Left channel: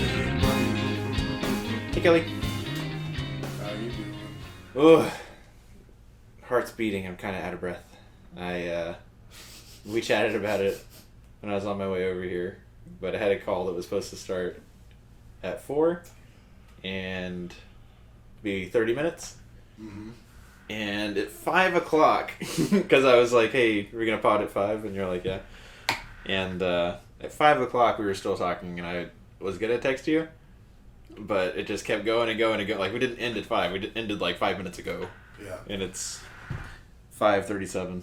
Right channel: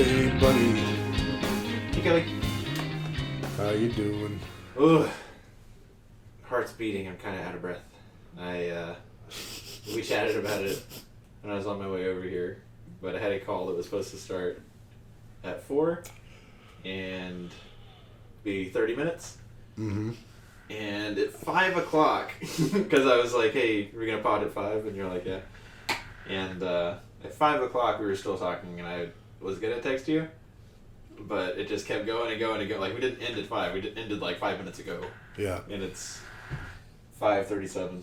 Hey, buddy. Hey, Kelly. How you doing? Ugh. Heart's beating. I'm kind of out of breath. We chatted about it when I was on my way over here, but I had a call that was supposed to start at 4 and be 30 minutes. Mm-hmm. And at 5 o'clock, because I was like, hey, we're going to pod at 5, and you're like, yeah. And at 5 o'clock, we were still talking, and I was going to text you, but it just kept going and going and going. Like, we didn't end at 5. We ended like 5 minutes ago. Yeah. And it's 5:37.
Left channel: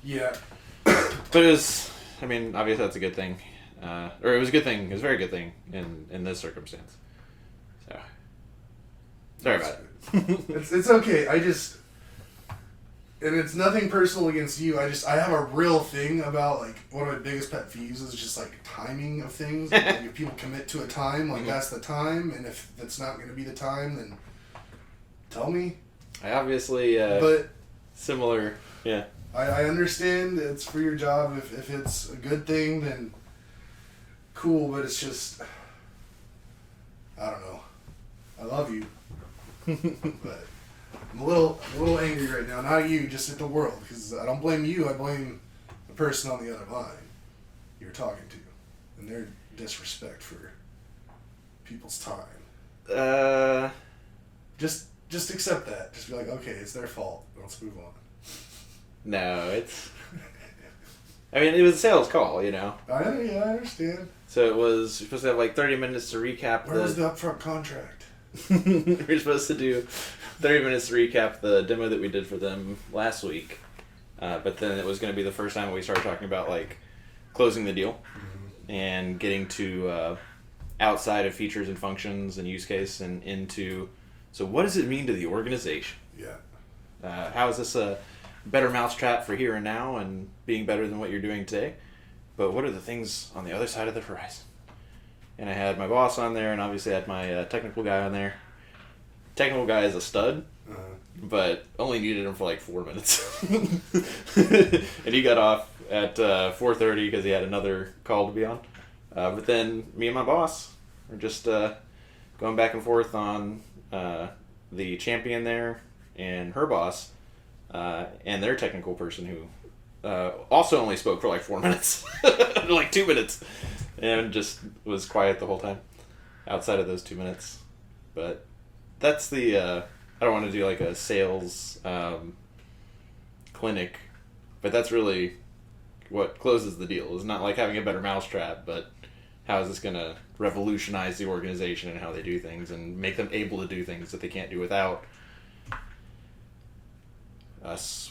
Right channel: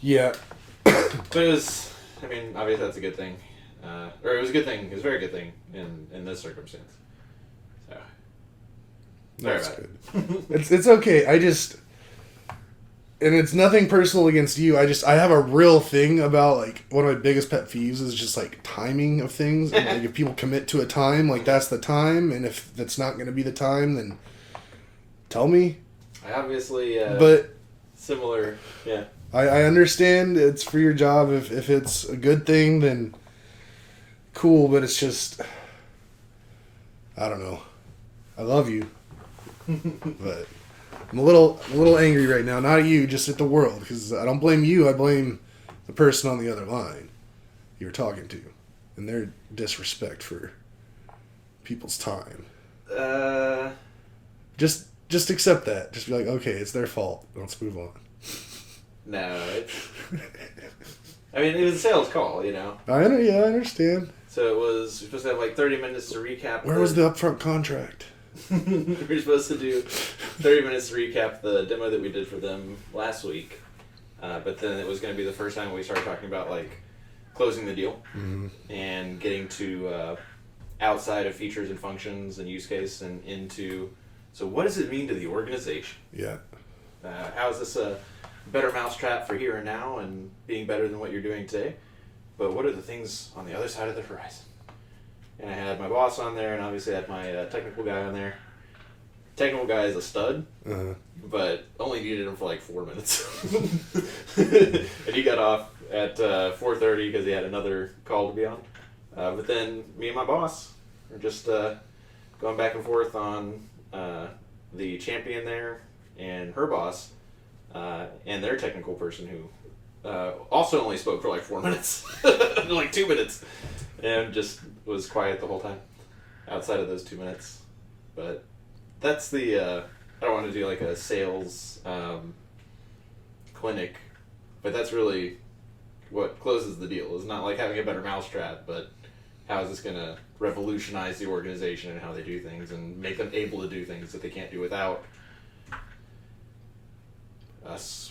Yeah. But it was, I mean, obviously that's a good thing. Or it was a good thing. It was a very good thing in this circumstance. So, sorry That's about good. It's okay. And it's nothing personal against you. I have a real thing about, like, one of my biggest pet peeves is just, like, timing of things. And, like, if people commit to a time, like, that's the time. And if that's not going to be the time, then tell me. I obviously, but similar, yeah. I understand it's for your job. If it's a good thing, then cool. But it's just, I don't know. I love you. But I'm a little angry right now. Not at you, just at the world. Because I don't blame you. I blame the person on the other line you were talking to. And their disrespect for people's time. Just accept that. Just be like, okay, it's their fault. Let's move on. No, it's... I mean, it was a sales call, you know? I understand. So it was, you're supposed to have like 30 minutes to recap. Where was the upfront contract? We were supposed to do 30 minutes to recap the demo that we did for them last week. But then it was going to be the first time we started talking about, like, closing the deal. Mm-hmm. And getting to outside of features and functions and use case and into... So what does it mean to the organization? Yeah. How is this a better mousetrap for here and now and being better than what you're doing today? But what are the things on the other side of the horizon? And I had my boss on there, and obviously I had my technical guy on there. Technical guy is a stud, but only needed him for like 4 minutes. And he got off at 4:30 because he had another call to be on. But then me and my boss were just going back and forth on the champion there and her boss and their technical person who also only spoke for like 4 minutes, like 2 minutes, and just was quiet the whole time outside of those 2 minutes. But that's the I don't want to do like a sales clinic, but that's really what closes the deal. It's not like having a better mousetrap, but how is this going to revolutionize the organization and how they do things and make them able to do things that they can't do without us,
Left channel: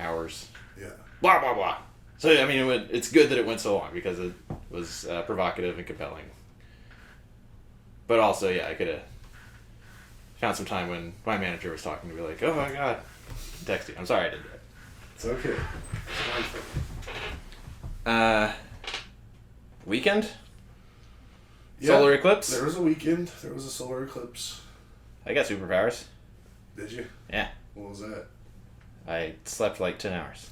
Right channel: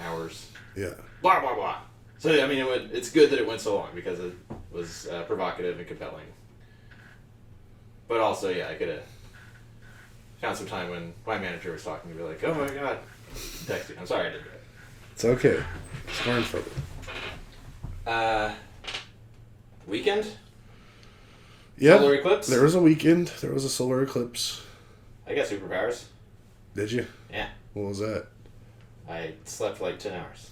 ours. Yeah. Blah, blah, blah. So, I mean, it's good that it went so long because it was provocative and compelling. But also, yeah, I could have found some time when my manager was talking to me like, oh my God, texting. I'm sorry I didn't do it. It's okay. It's fine for you. Weekend? Yeah. Solar eclipse? There was a weekend. There was a solar eclipse. I got superpowers. Did you? Yeah. What was that? I slept for like 10 hours.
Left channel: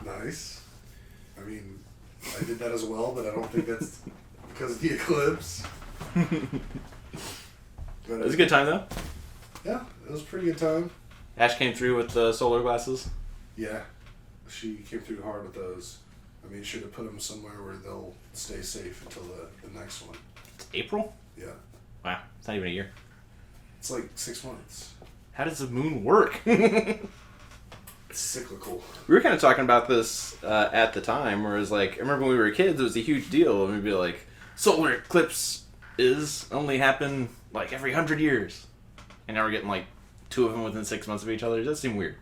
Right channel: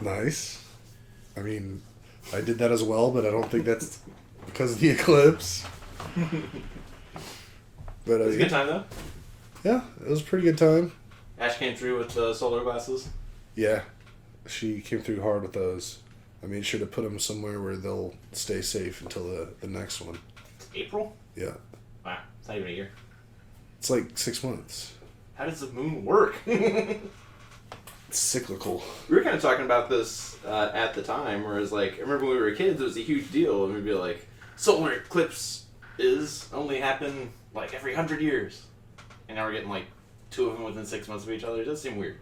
Nice. I mean, I did that as well, but I don't think that's because of the eclipse. But It was a good time, though. Yeah, it was a pretty good time. Ash came through with the solar glasses. Yeah, she came through hard with those. I made sure to put them somewhere where they'll stay safe until the next one. April? Yeah. Wow, it's not even a year. It's like 6 months. How does the moon work? It's cyclical. We were kind of talking about this at the time, where it was like, I remember when we were kids, it was a huge deal, and we'd be like, solar eclipse only happen like every 100 years. And now we're getting like 2 of them within 6 months of each other. It does seem weird.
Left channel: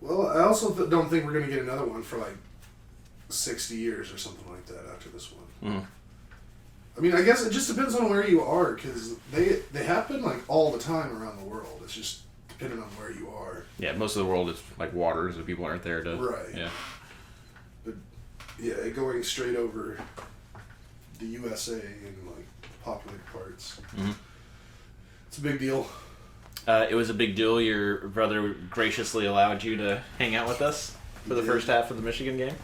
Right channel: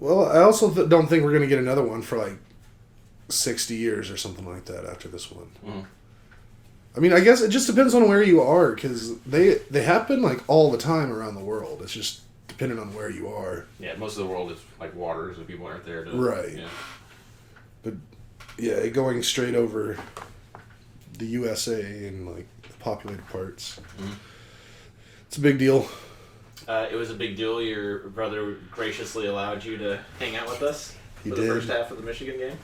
Well, I also don't think we're going to get another one for like 60 years or something like that after this one. Mm. I mean, I guess it just depends on where you are, because they happen like all the time around the world. It's just depending on where you are. Yeah, most of the world is like water, so people aren't there to... Right. Yeah. But yeah, going straight over the USA and like the populated parts. Mm-hmm. It's a big deal. It was a big deal. Your brother graciously allowed you to hang out with us for the first half of the Michigan game.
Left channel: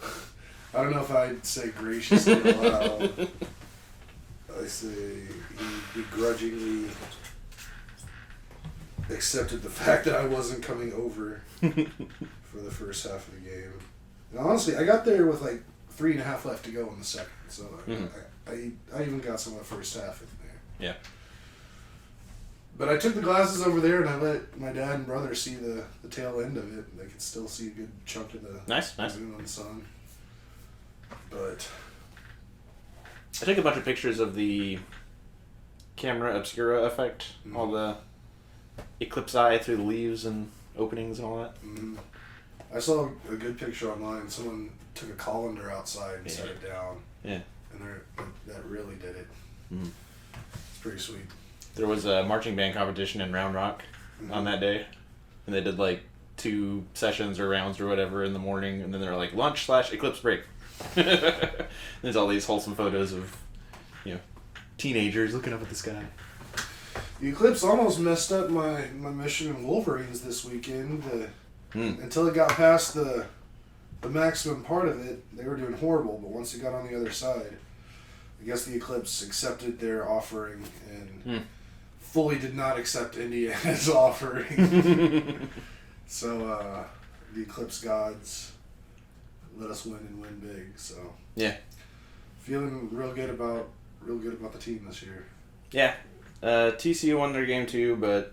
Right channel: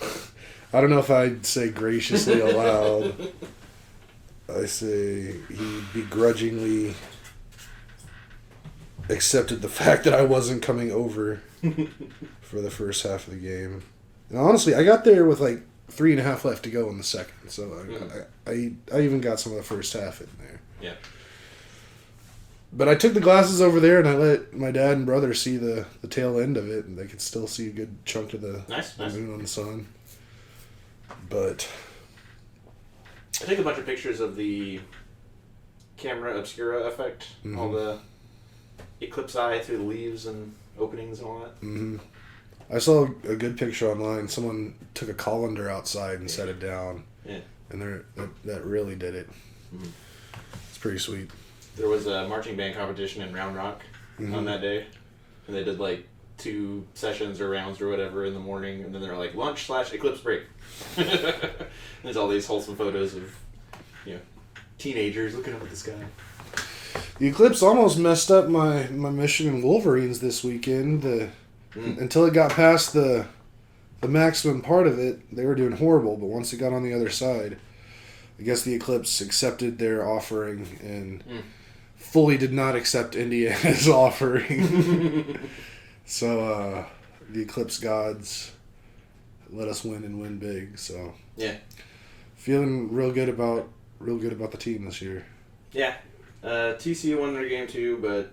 I don't know if I'd say graciously aloud. I say he begrudgingly accepted the fact that I wasn't coming over for the first half of the game. And honestly, I got there with like 3.5 left to go in the second, so I even got some of the first half in there. Yeah. But I took the glasses over there and I let my dad and brother see the tail end of it, and they could still see a good chunk of the moon on the sun. But I took a bunch of pictures of the camera obscura effect, all the eclipse eye through the leaves and openings and all that. Mm-hmm. I saw a good picture online. Someone took a colander outside and set it down. Yeah. And that really did it. Mm-hmm. It's pretty sweet. There was a marching band competition in Round Rock on that day. And they did like 2 sessions or rounds or whatever in the morning. And then they were like lunch/eclipse break. There's all these wholesome photos of, teenagers looking up at the sky. The eclipse almost messed up my Michigan Wolverines this weekend. Until it got past the maximum part of it, they were doing horrible. But once it got on the other side, I guess the eclipse accepted their offering and fully did not accept Indiana's offering. So the eclipse gods let us win and win big. So yeah, feeling real good about the team this year. Yeah, TCU won their game too, but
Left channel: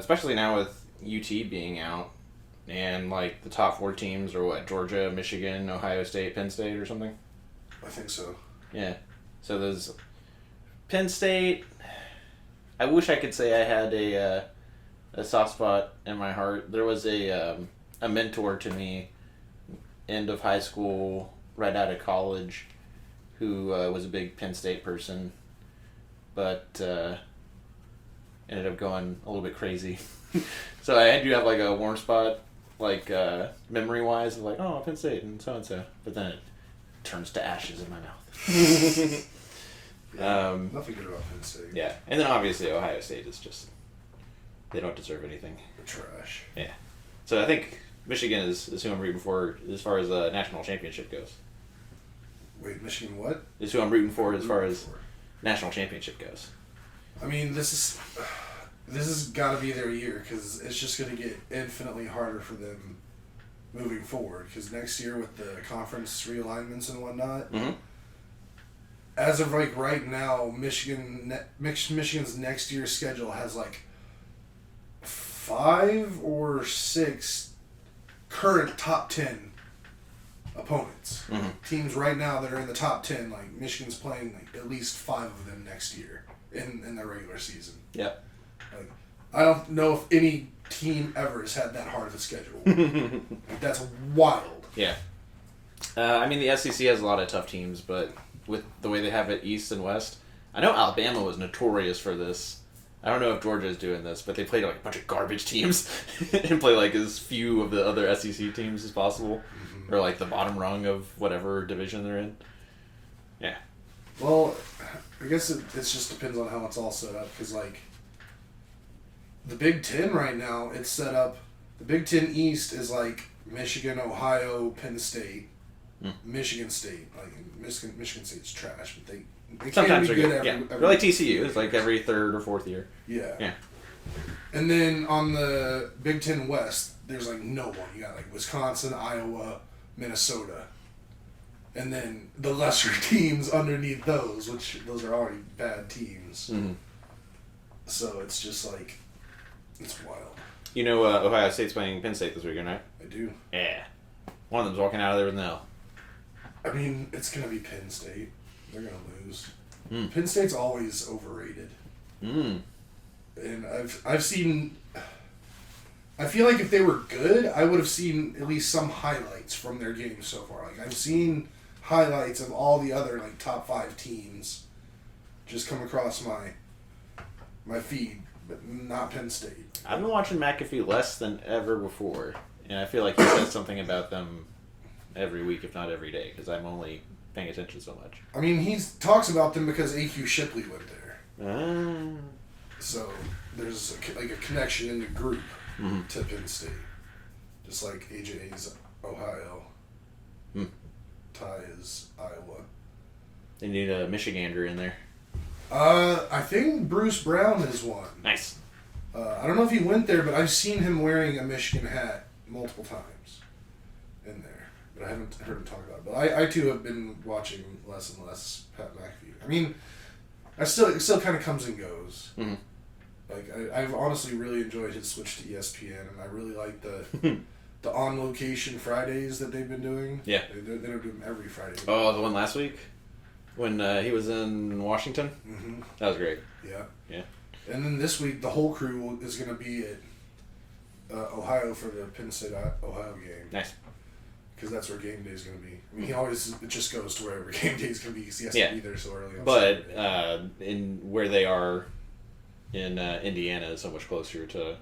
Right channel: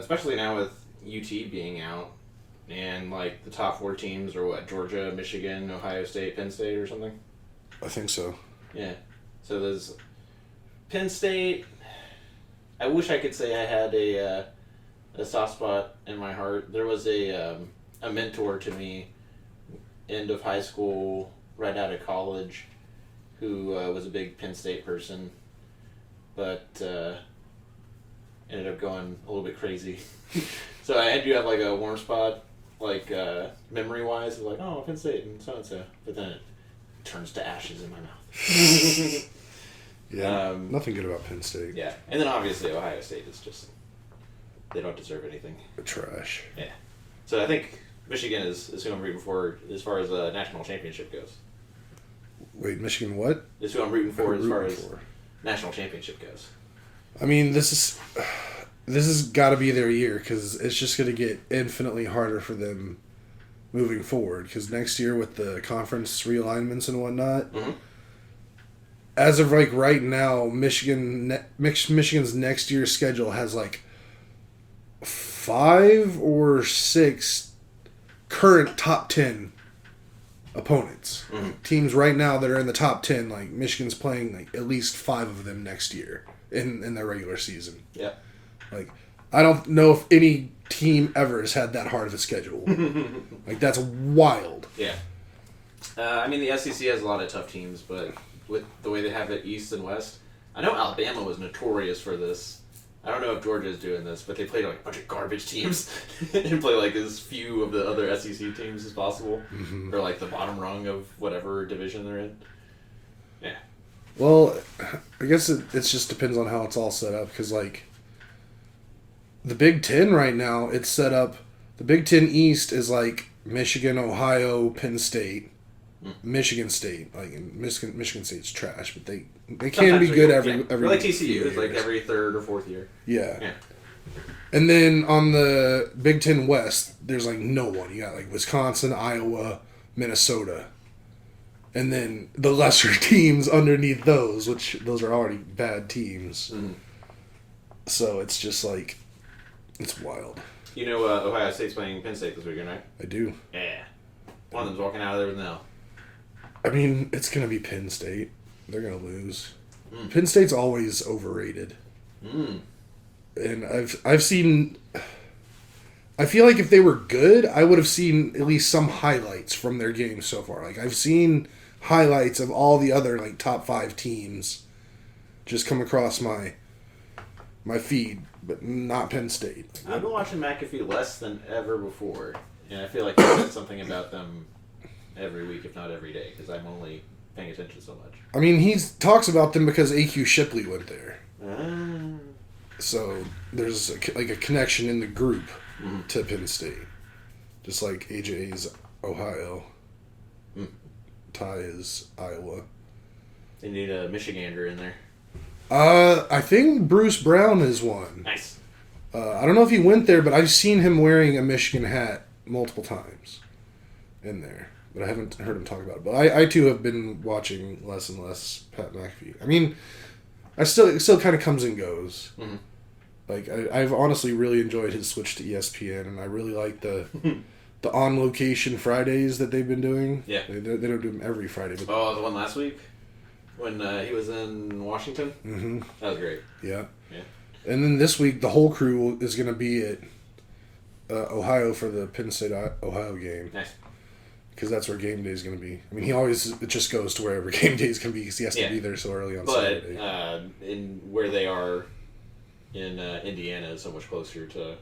especially now with UT being out and like the top 4 teams are what, Georgia, Michigan, Ohio State, Penn State or something. I think so. Yeah, so there's Penn State. I wish I could say I had a soft spot in my heart. There was a mentor to me, end of high school, right out of college, who was a big Penn State person, but ended up going a little bit crazy. So I do have like a warm spot, like memory-wise, of like, oh, Penn State and so, but then it turns to ashes in my mouth. Yeah, nothing good about Penn State. Yeah, and then obviously Ohio State is just, they don't deserve anything. They're trash. Yeah. So I think Michigan is who I'm rooting for as far as the national championship goes. Wait, Michigan what? Is who I'm rooting for as far as national championship goes. I mean, this has got to be their year because it's just going to get infinitely harder for them moving forward. Because next year with the conference realignments and whatnot, as of like right now, Michigan's next year's schedule has like 5 or 6 current top 10 opponents. Teams right now that are in the top 10, like Michigan's playing like at least 5 of them next year in their regular season. Yeah. Like, I don't know if any team ever has had that hard of a schedule. Like, that's wild. Yeah. I mean, the SEC has a lot of tough teams, but with the way they have it East and West, I know Alabama was notorious for this. I don't know if Georgia is doing this, but they played like a bunch of garbage teams and play like as few of the other SEC teams as possible, or like the bottom rung of whatever division they're in. Yeah. Well, I guess it just depends on how it's all set up, because like the Big Ten right now, it's set up. The Big Ten East is like Michigan, Ohio, Penn State, Michigan State. Like Michigan State's trash, but they can be good every They're like TCU. It's like every 3rd or 4th year. Yeah. Yeah. And then on the Big Ten West, there's like no one. You got like Wisconsin, Iowa, Minnesota. And then the lesser teams underneath those, which those are already bad teams. So it's just like, it's wild. You know Ohio State's playing Penn State this weekend, right? I do. Yeah. One of them's walking out of there with an L. I mean, it's going to be Penn State. They're going to lose. Penn State's always overrated. And I've seen... I feel like if they were good, I would have seen at least some highlights from their game so far. Like, I've seen highlights of all the other, like, top 5 teams just come across my feed, but not Penn State. I've been watching McAfee less than ever before, and I feel like he says something about them every week, if not every day, because I'm only paying attention so much. I mean, he talks about them because A.Q. Shipley went there. Ah. So there's a connection in the group to Penn State. Just like AJ's Ohio. Tie is Iowa. They need a Michigander in there. I think Bruce Brown is one. Nice. I don't know if he went there, but I've seen him wearing a Michigan hat multiple times in there. But I haven't heard him talk about it. But I too have been watching less and less Pat McAfee. I mean, it still kind of comes and goes. Mm-hmm. Like I've honestly really enjoyed his switch to ESPN, and I really like the on location Fridays that they've been doing. Yeah, they don't do them every Friday. But the one last week when he was in Washington. Mm-hmm. That was great. Yeah. Yeah. And then this week the whole crew is going to be at Ohio for the Penn State Ohio game. Nice. Because that's where game day is going to be. I mean, it just goes to wherever game day is going to be because he has to be there so early on Saturday. But in where they are in Indiana is so much closer to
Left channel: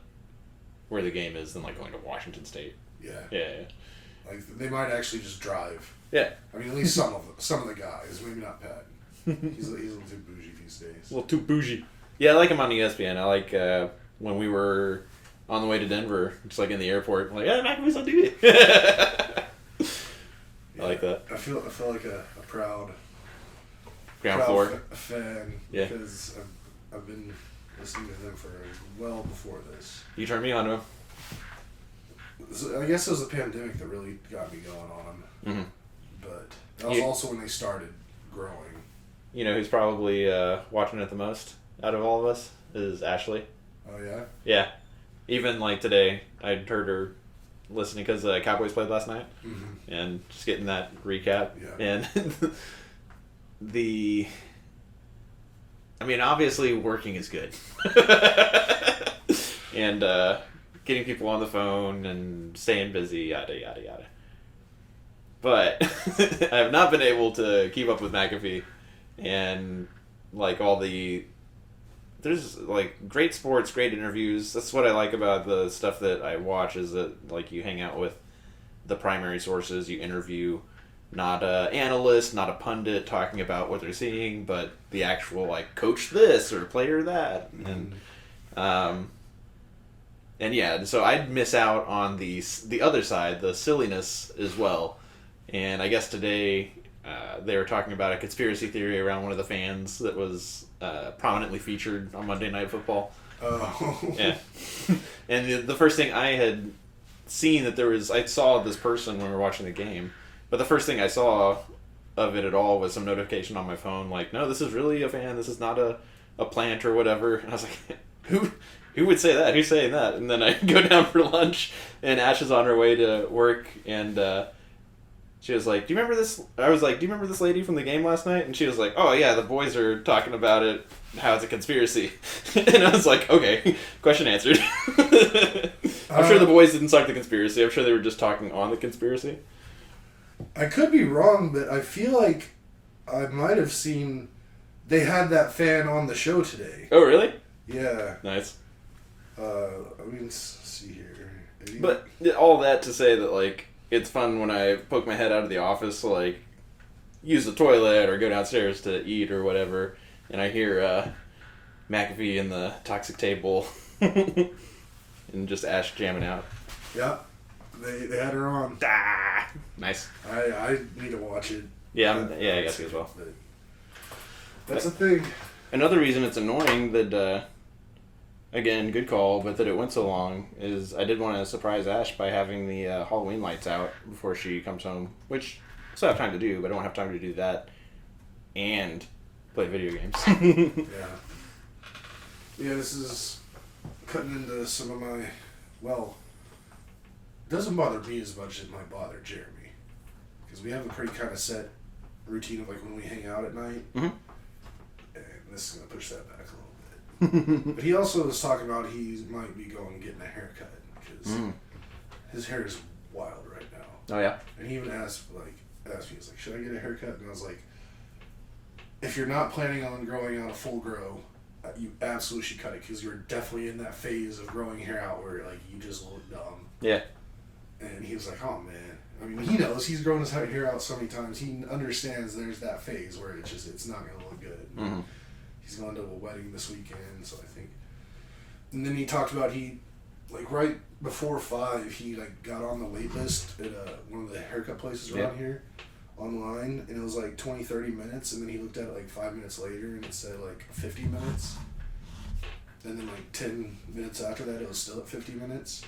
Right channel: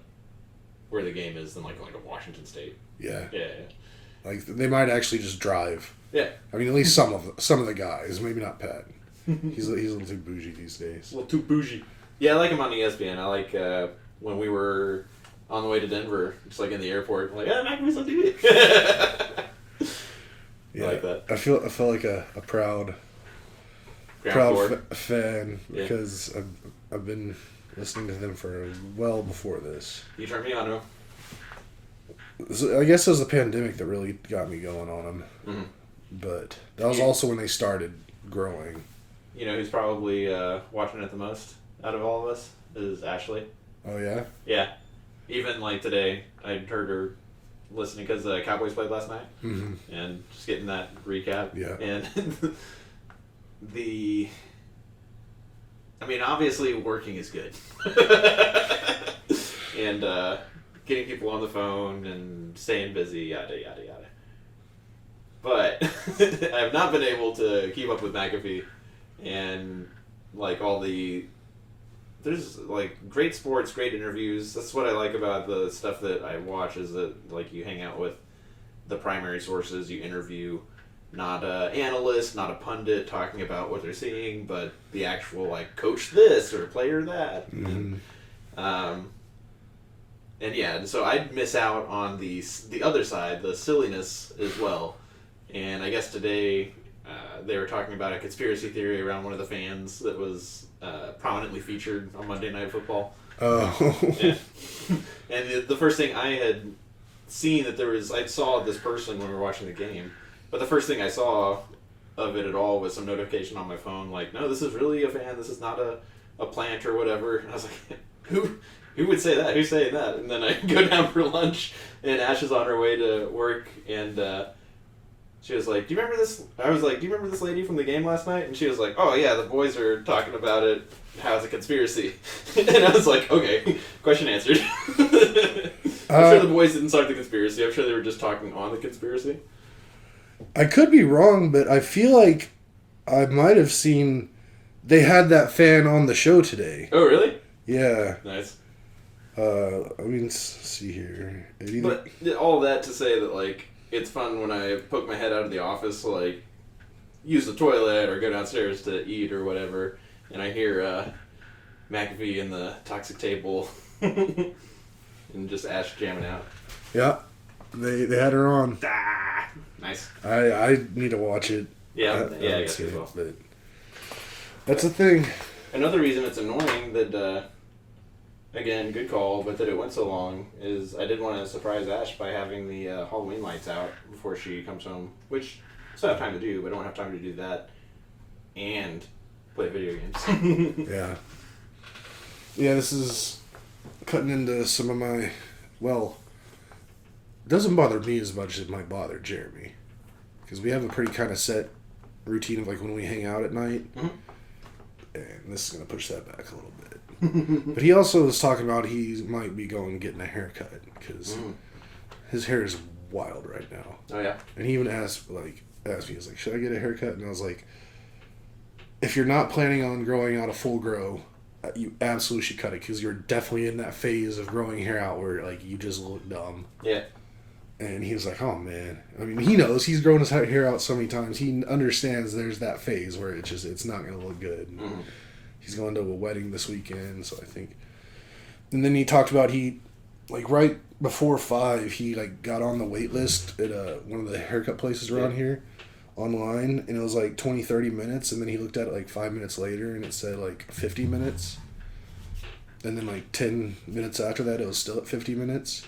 where the game is than like going to Washington State. Yeah. Yeah. Like they might actually just drive. Yeah. I mean, at least some of the guys. Maybe not Pat. He's a little too bougie these days. A little too bougie. Yeah, I like him on ESPN. I like when we were on the way to Denver, just like in the airport, I'm like, McAfee's on TV. Yeah, I like that. I feel like a proud fan because I've been listening to them for well before this. You turned me on to him. So I guess it was the pandemic that really got me going on them. Mm-hmm. But that was also when they started growing. You know who's probably watching it the most out of all of us is Ashley. Oh, yeah? Yeah. Even like today, I heard her listening because the Cowboys played last night. Mm-hmm. And just getting that recap. Yeah. And I mean, obviously working is good. And getting people on the phone and staying busy, yada, yada, yada. But I have not been able to keep up with McAfee and like there's like great sports, great interviews. That's what I like about the stuff that I watch is that like you hang out with the primary sources, you interview not an analyst, not a pundit talking about what they're seeing, but the actual like coach this or player that. Mm-hmm. And yeah, so I'd miss out on the other side, the silliness as well. And I guess today they were talking about a conspiracy theory around one of the fans that was prominently featured on Monday Night Football. Oh. Yeah. And the first thing I had seen I saw this person when we were watching the game, but the first thing I saw of it at all was some notification on my phone like, no, this is really a fan, this is not a plant or whatever. And I was like, who would say that? Who's saying that? And then I go down for lunch, and Ash is on her way to work, and she was like, do you remember this? I was like, do you remember this lady from the game last night? And she was like, oh yeah, the boys are talking about it, how it's a conspiracy. And I was like, okay, question answered. I'm sure the boys didn't start the conspiracy. I'm sure they were just talking on the conspiracy. I could be wrong, but I feel like I might have seen they had that fan on the show today. Oh, really? Yeah. Nice. I mean, let's see here. But all that to say that, like, it's fun when I poke my head out of the office to, like, use the toilet or go downstairs to eat or whatever, and I hear McAfee in the toxic table and just Ash jamming out. Yeah. They had her on. Ah, nice. I need to watch it. Yeah, I guess as well. But that's the thing. Another reason it's annoying that, again, good call, but that it went so long is I did want to surprise Ash by having the Halloween lights out before she comes home, which I still have time to do, but I don't have time to do that and play video games. Yeah. Yeah, this is cutting into some of my, well, it doesn't bother me as much as it might bother Jeremy. Because we have a pretty kind of set routine of like when we hang out at night. Mm-hmm. And this is going to push that back a little bit. But he also was talking about he might be going and getting a haircut because his hair is wild right now. Oh, yeah? And he even asked me, he was like, should I get a haircut? And I was like, if you're not planning on growing out a full grow, you absolutely should cut it because you're definitely in that phase of growing hair out where like you just look dumb. Yeah. And he was like, oh man. I mean, he knows. He's grown his hair out so many times. He understands there's that phase where it's not going to look good. He's going to a wedding this weekend, so I think. And then he talked about he like right before 5, he like got on the wait list at one of the haircut places around here online, and it was like 20-30 minutes, and then he looked at it like 5 minutes later and it said like 50 minutes, and then like 10 minutes after that it was still at 50 minutes.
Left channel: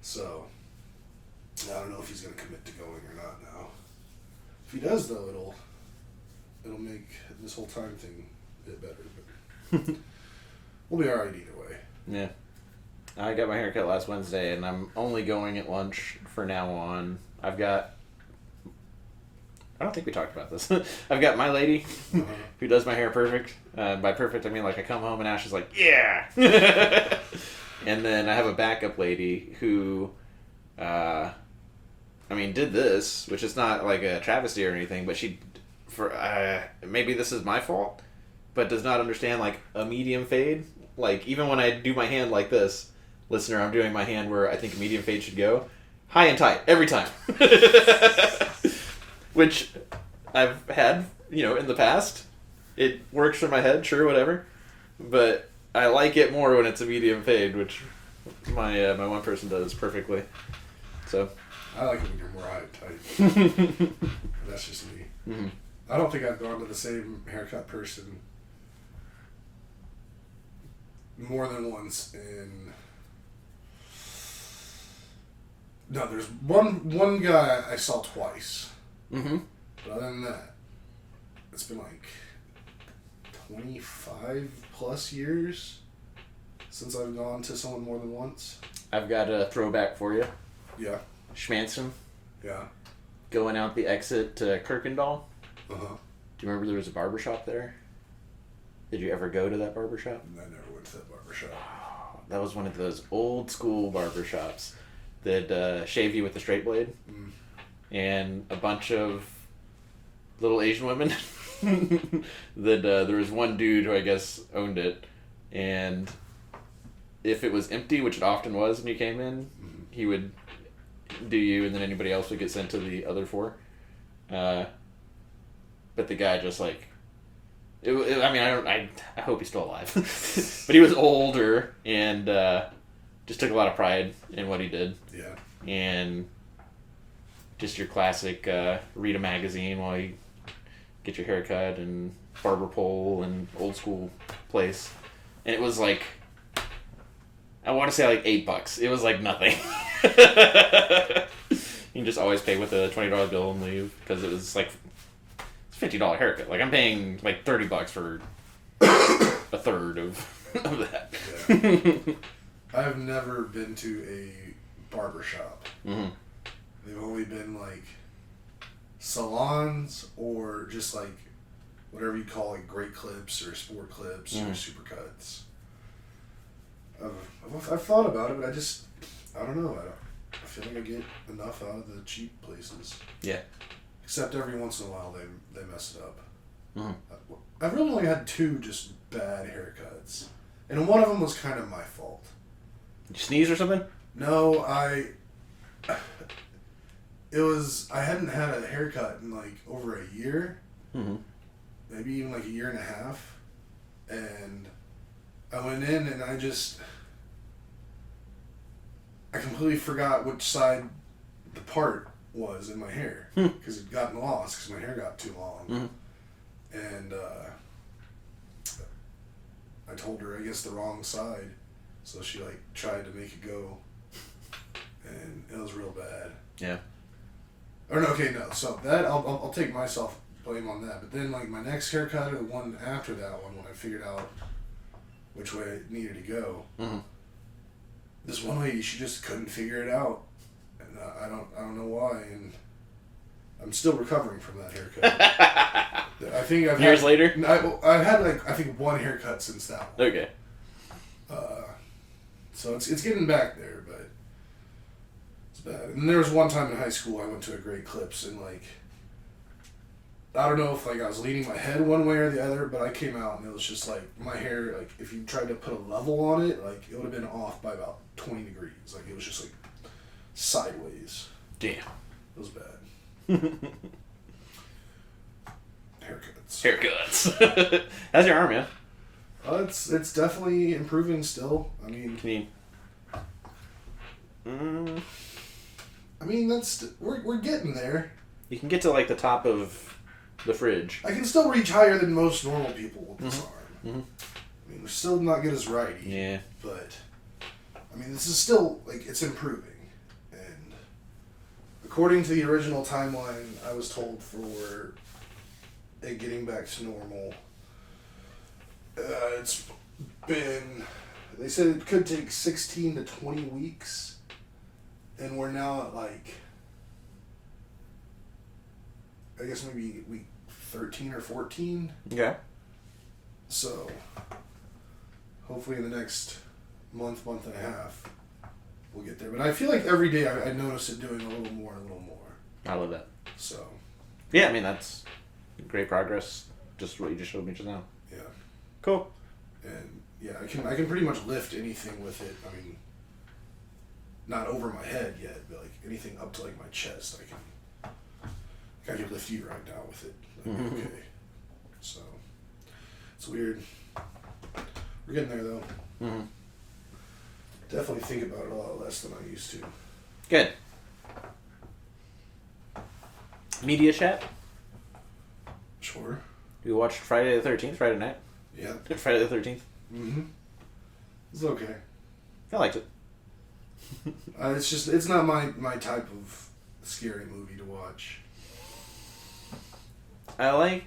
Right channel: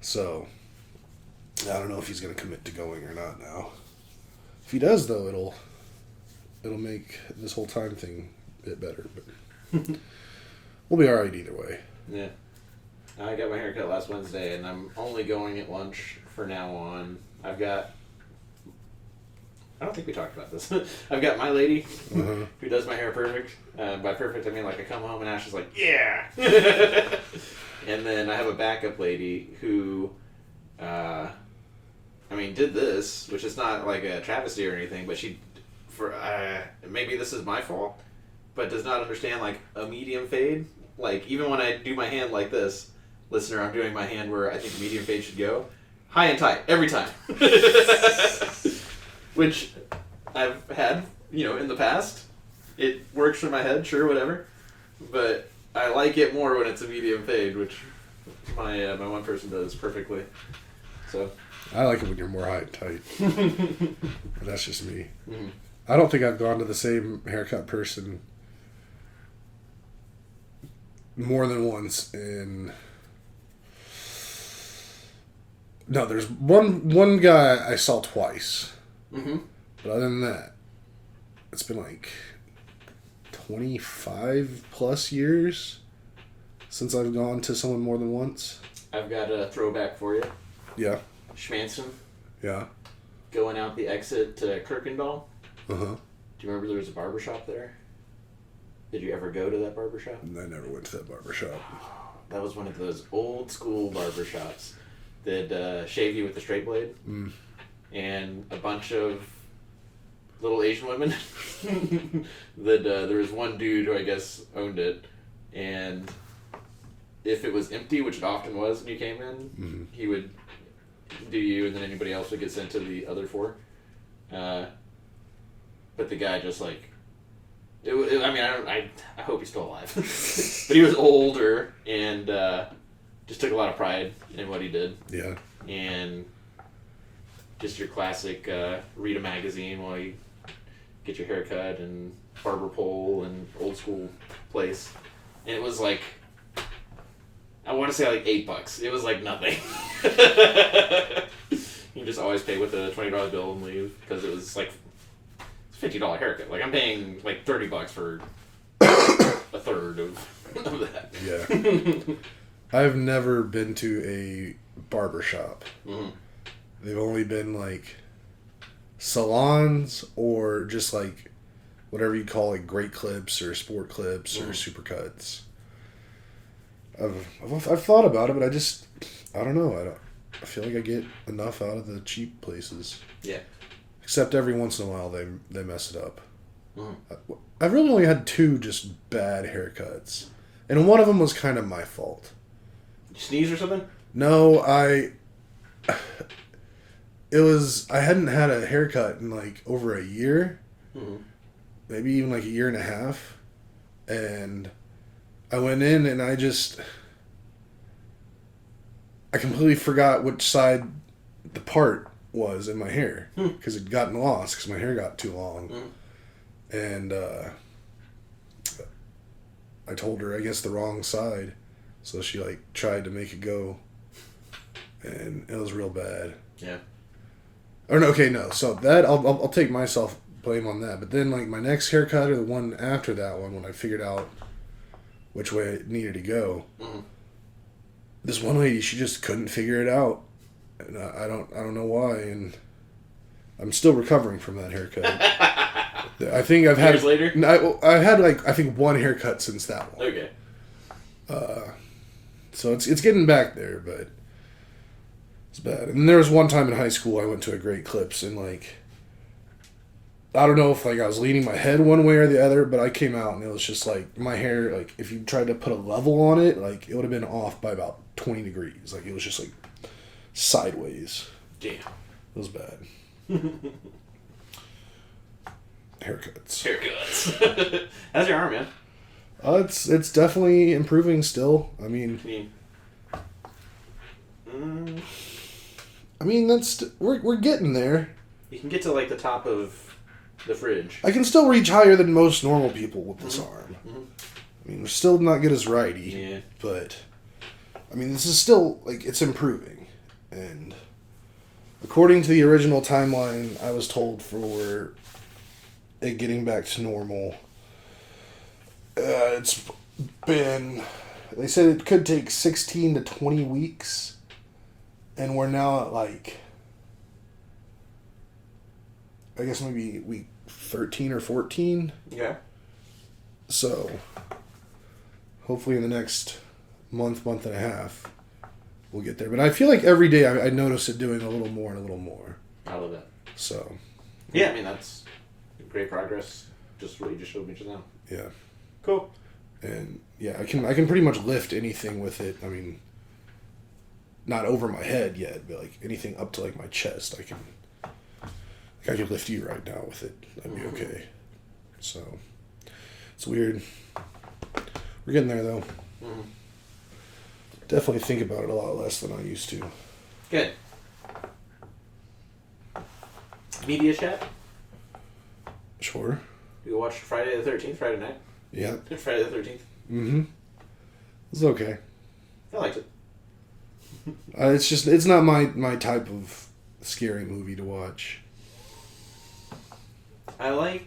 So I don't know if he's gonna commit to going or not now. If he does, though, it'll make this whole time thing a bit better, but we'll be alright either way. Yeah. I got my haircut last Wednesday, and I'm only going at lunch for now on. I don't think we talked about this. I've got my lady who does my hair perfect. By perfect, I mean like I come home and Ash is like, yeah! And then I have a backup lady who, did this, which is not like a travesty or anything, but maybe this is my fault, but does not understand like a medium fade. Like even when I do my hand like this, listener, I'm doing my hand where I think a medium fade should go. High and tight, every time. Which I've had, in the past. It works for my head, sure, whatever. But I like it more when it's a medium fade, which my one person does perfectly. So I like it when you're more high and tight. That's just me. Mm. I don't think I've gone to the same haircut person more than once in... No, there's one guy I saw twice. Mm-hmm. But other than that, it's been like 25 plus years since I've gone to someone more than once. I've got a throwback for you. Yeah. Schmanson. Yeah. Going out the exit to Kirkendall. Uh-huh. Do you remember there was a barbershop there? Did you ever go to that barbershop? I never went to that barbershop. That was one of those old school barbershops that shave you with the straight blade. Mm. And a bunch of little Asian women. That there was one dude who I guess owned it, and if it was empty, which it often was when you came in, he would do you, and then anybody else would get sent to the other 4. But the guy just like, I hope he's still alive. But he was older and just took a lot of pride in what he did. Yeah. And just your classic read a magazine while you get your hair cut and barber pole and old school place. And it was like, I want to say like $8. It was like nothing. You just always pay with a $20 bill and leave because it was like $50 haircut. Like I'm paying like $30 for a third of that. Yeah. I've never been to a barber shop. Mm-hmm. They've only been like salons or just like whatever you call like great clips or sport clips or supercuts. I've thought about it, but I don't know. I feel like I get enough out of the cheap places. Yeah. Except every once in a while they mess it up. Mm. I've really only had 2 just bad haircuts, and one of them was kind of my fault. Did you sneeze or something? No, I hadn't had a haircut in like over a year, maybe even like a year and a half, and I went in and I completely forgot which side the part was in my hair because it'd gotten lost because my hair got too long, and I told her I guess the wrong side, so she like tried to make it go, and it was real bad. Yeah. Or no, okay, no. So that I'll take myself blame on that. But then like my next haircut or the one after that one, when I figured out which way it needed to go, this one lady, she just couldn't figure it out, and I don't know why, and I'm still recovering from that haircut. I think I've had years later. I've had like I think one haircut since that one. Okay. So it's getting back there, but it's bad. And there was one time in high school I went to a great clips and like I don't know if like I was leaning my head one way or the other, but I came out and it was just like my hair, like if you tried to put a level on it, like it would have been off by about 20 degrees. Like it was just like sideways. Damn. It was bad. Haircuts. How's your arm, man? It's definitely improving still. I mean, can you Mm, I mean, we're getting there. you can get to like the top of the fridge. I can still reach higher than most normal people with this arm. Mm-hmm. I mean, we're still not good as righty. Yeah. But, I mean, this is still, like, it's improving. And according to the original timeline, I was told for it getting back to normal, it's been, they said it could take 16 to 20 weeks. And we're now at, like, I guess maybe week 13 or 14. Yeah. So, hopefully in the next month and a half, we'll get there. But I feel like every day I notice it doing a little more and a little more. I love that. So. Yeah, I mean, that's great progress. Just what you just showed me just now. Yeah. Cool. And, yeah, I can pretty much lift anything with it. I mean, not over my head yet, but, like, anything up to, like, my chest, I could lift you right now with it. That'd be okay. So, it's weird. We're getting there, though. Mm-hmm. Definitely think about it a lot less than I used to. Good. Media chat? Sure. You watched Friday the 13th, Friday night? Yeah. Friday the 13th? Mm-hmm. It's okay. I liked it. It's not my type of scary movie to watch. I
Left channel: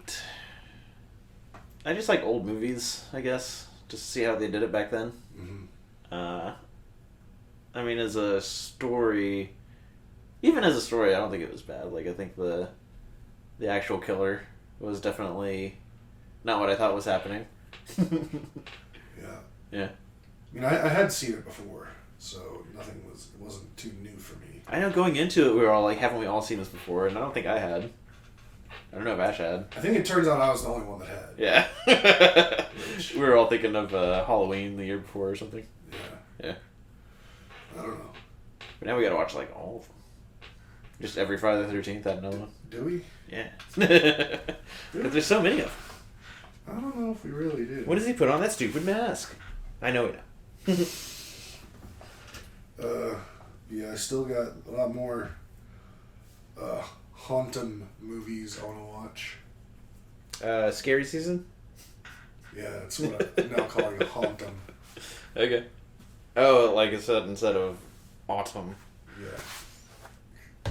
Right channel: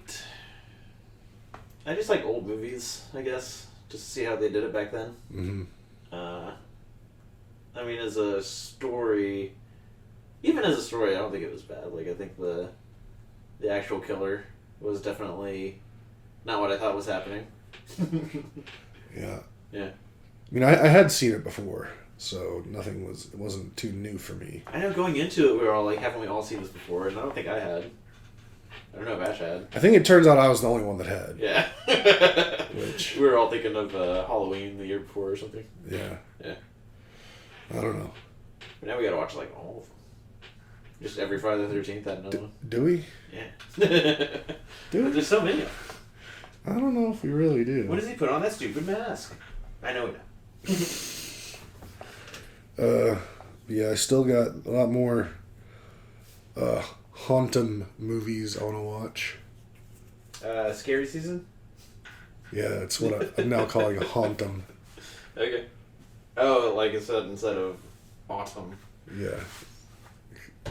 just like old movies, I guess, just to see how they did it back then. Mm-hmm. I mean, as a story, I don't think it was bad. Like, I think the actual killer was definitely not what I thought was happening. Yeah. Yeah. I mean, I had seen it before, so it wasn't too new for me. I know going into it, we were all like, haven't we all seen this before? And I don't think I had. I don't know if Ash had. I think it turns out I was the only one that had. Yeah. Which, we were all thinking of Halloween the year before or something. Yeah. Yeah. I don't know. But now we gotta watch like all of them. Just every Friday the 13th, that another one. Do we? Yeah. Dude. There's so many of them. I don't know if we really do. What does he put on that stupid mask? I know it now. Yeah, I still got a lot more Hauntum movies I want to watch. Scary season? Yeah, that's what I'm now calling a Hauntum. Okay. Oh, like instead of autumn. Yeah.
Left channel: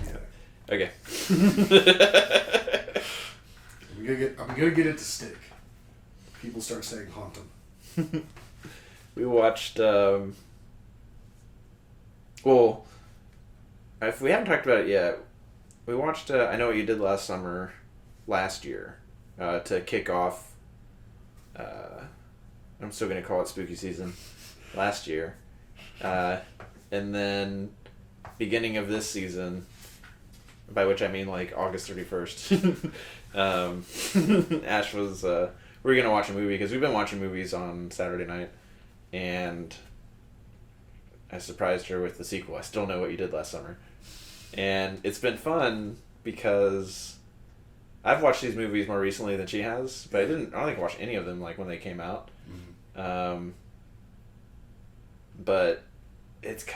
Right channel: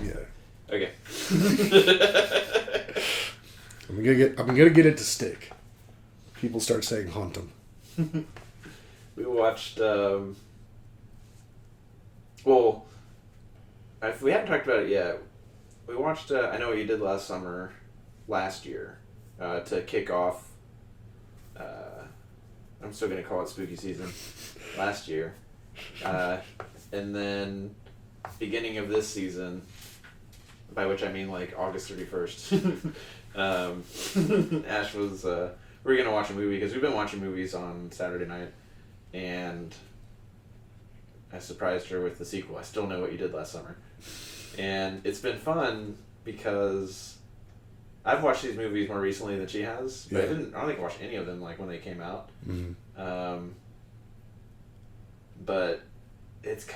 Yeah. Okay. I'm gonna get it to stick. People start saying Hauntum. We watched. If we haven't talked about it yet, we watched. I Know What You Did last year, to kick off. I'm still gonna call it spooky season. Last year, and then beginning of this season, by which I mean like August 31st. Ash was. We were gonna watch a movie because we've been watching movies on Saturday night, and I surprised her with the sequel. I Still Know What You Did Last Summer, and it's been fun because I've watched these movies more recently than she has, but I don't think I watched any of them like when they came out. Mm-hmm. But it's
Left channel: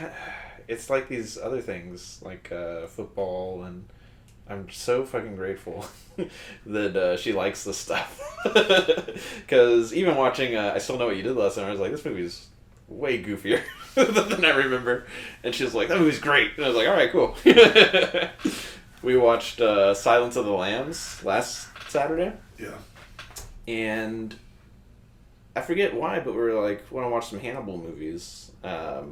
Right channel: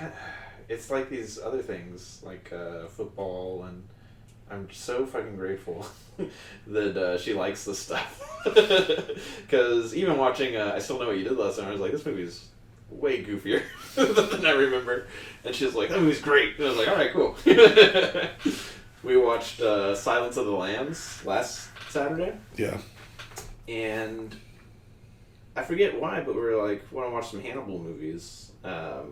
like these other things like football, and I'm so fucking grateful that she likes this stuff. Because even watching I Still Know What You Did Last Summer, I was like, this movie's way goofier than I remember. And she was like, that movie's great. And I was like, alright, cool. We watched Silence of the Lambs last Saturday. Yeah. And I forget why, but we were like, want to watch some Hannibal movies. I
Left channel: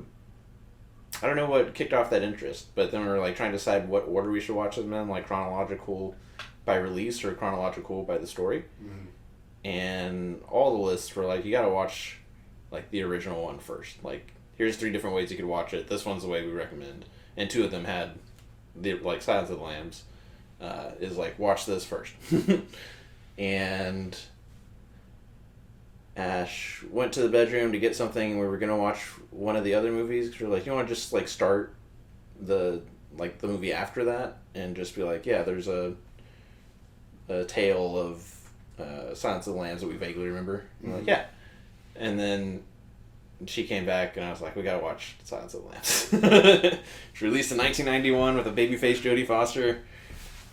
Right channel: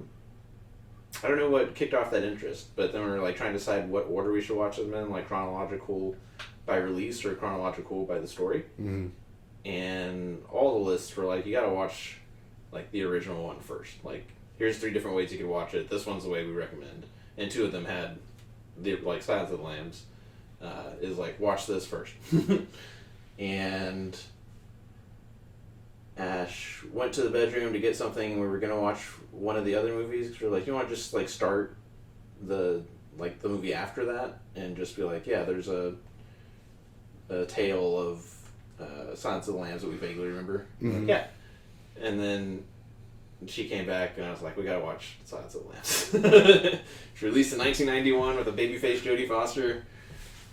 don't know what kicked off that interest, but then we were like trying to decide what order we should watch them in, like chronological by release or chronological by the story. Mm-hmm. And all the lists were like, you gotta watch like the original one first. Like, here's 3 different ways you could watch it. This one's the way we recommend. And 2 of them had the like Silence of the Lambs is like, watch this first. And Ash went to the bedroom to get something. We were gonna watch one of the other movies because we were like, you want to just like start the movie after that and just be like, yeah, there's a tale of Silence of the Lambs that we vaguely remember. Mm-hmm. Like, yeah, and then And she came back, and I was like, we gotta watch Silence of the Lambs. It's released in 1991 with a babyface Jodie Foster,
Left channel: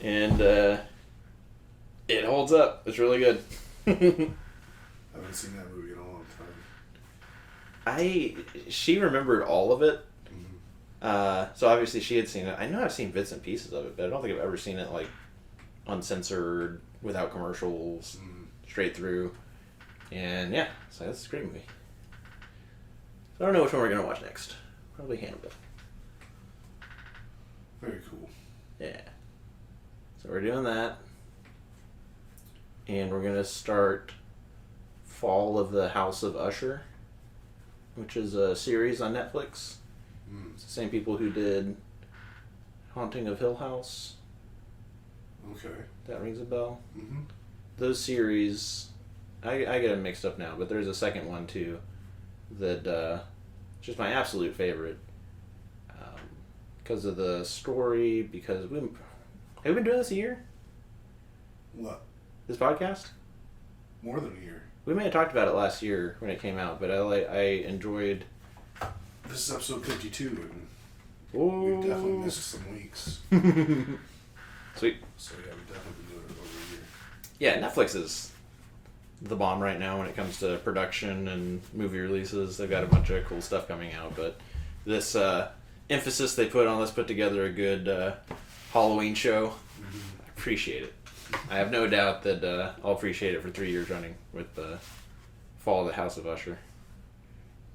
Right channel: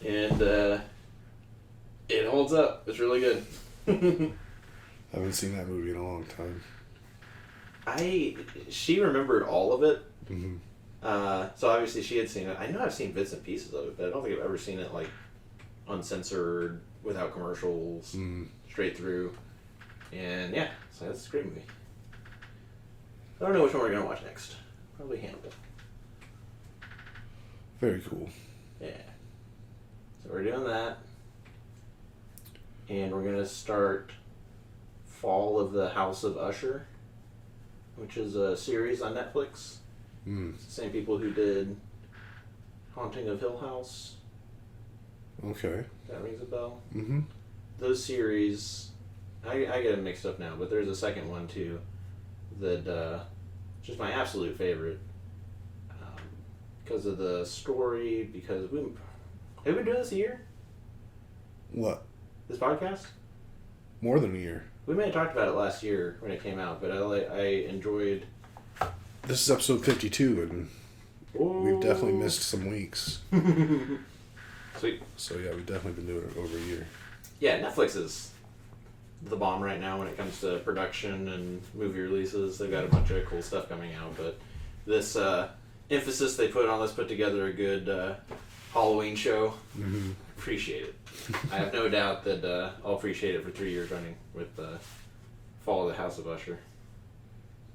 and it holds up. It's really good. I haven't seen that movie in a long time. She remembered all of it. Mm-hmm. So obviously she had seen it. I know I've seen bits and pieces of it, but I don't think I've ever seen it like uncensored, without commercials, straight through. And yeah, so that's a great movie. I don't know which one we're gonna watch next. Probably Hannibal. Very cool. Yeah. So we're doing that. And we're gonna start Fall of the House of Usher, which is a series on Netflix. It's the same people who did Haunting of Hill House. Okay. That rings a bell. Mm-hmm. Those series, I get them mixed up now, but there's a second one too that just my absolute favorite because of the story. Because have we been doing this a year? What? This podcast? More than a year. We may have talked about it last year when it came out, but I enjoyed. This is episode 52, and we've definitely missed some weeks. Sweet. So yeah, we've definitely been doing it over a year. Yeah, Netflix is the bomb right now when it comes to production and movie releases. They've got a bunch of cool stuff coming out, but this emphasis they put on, let's put together a good Halloween show. Mm-hmm. Appreciate it. I have no doubt that I'll appreciate it for 3 years running with Fall of the House of Usher.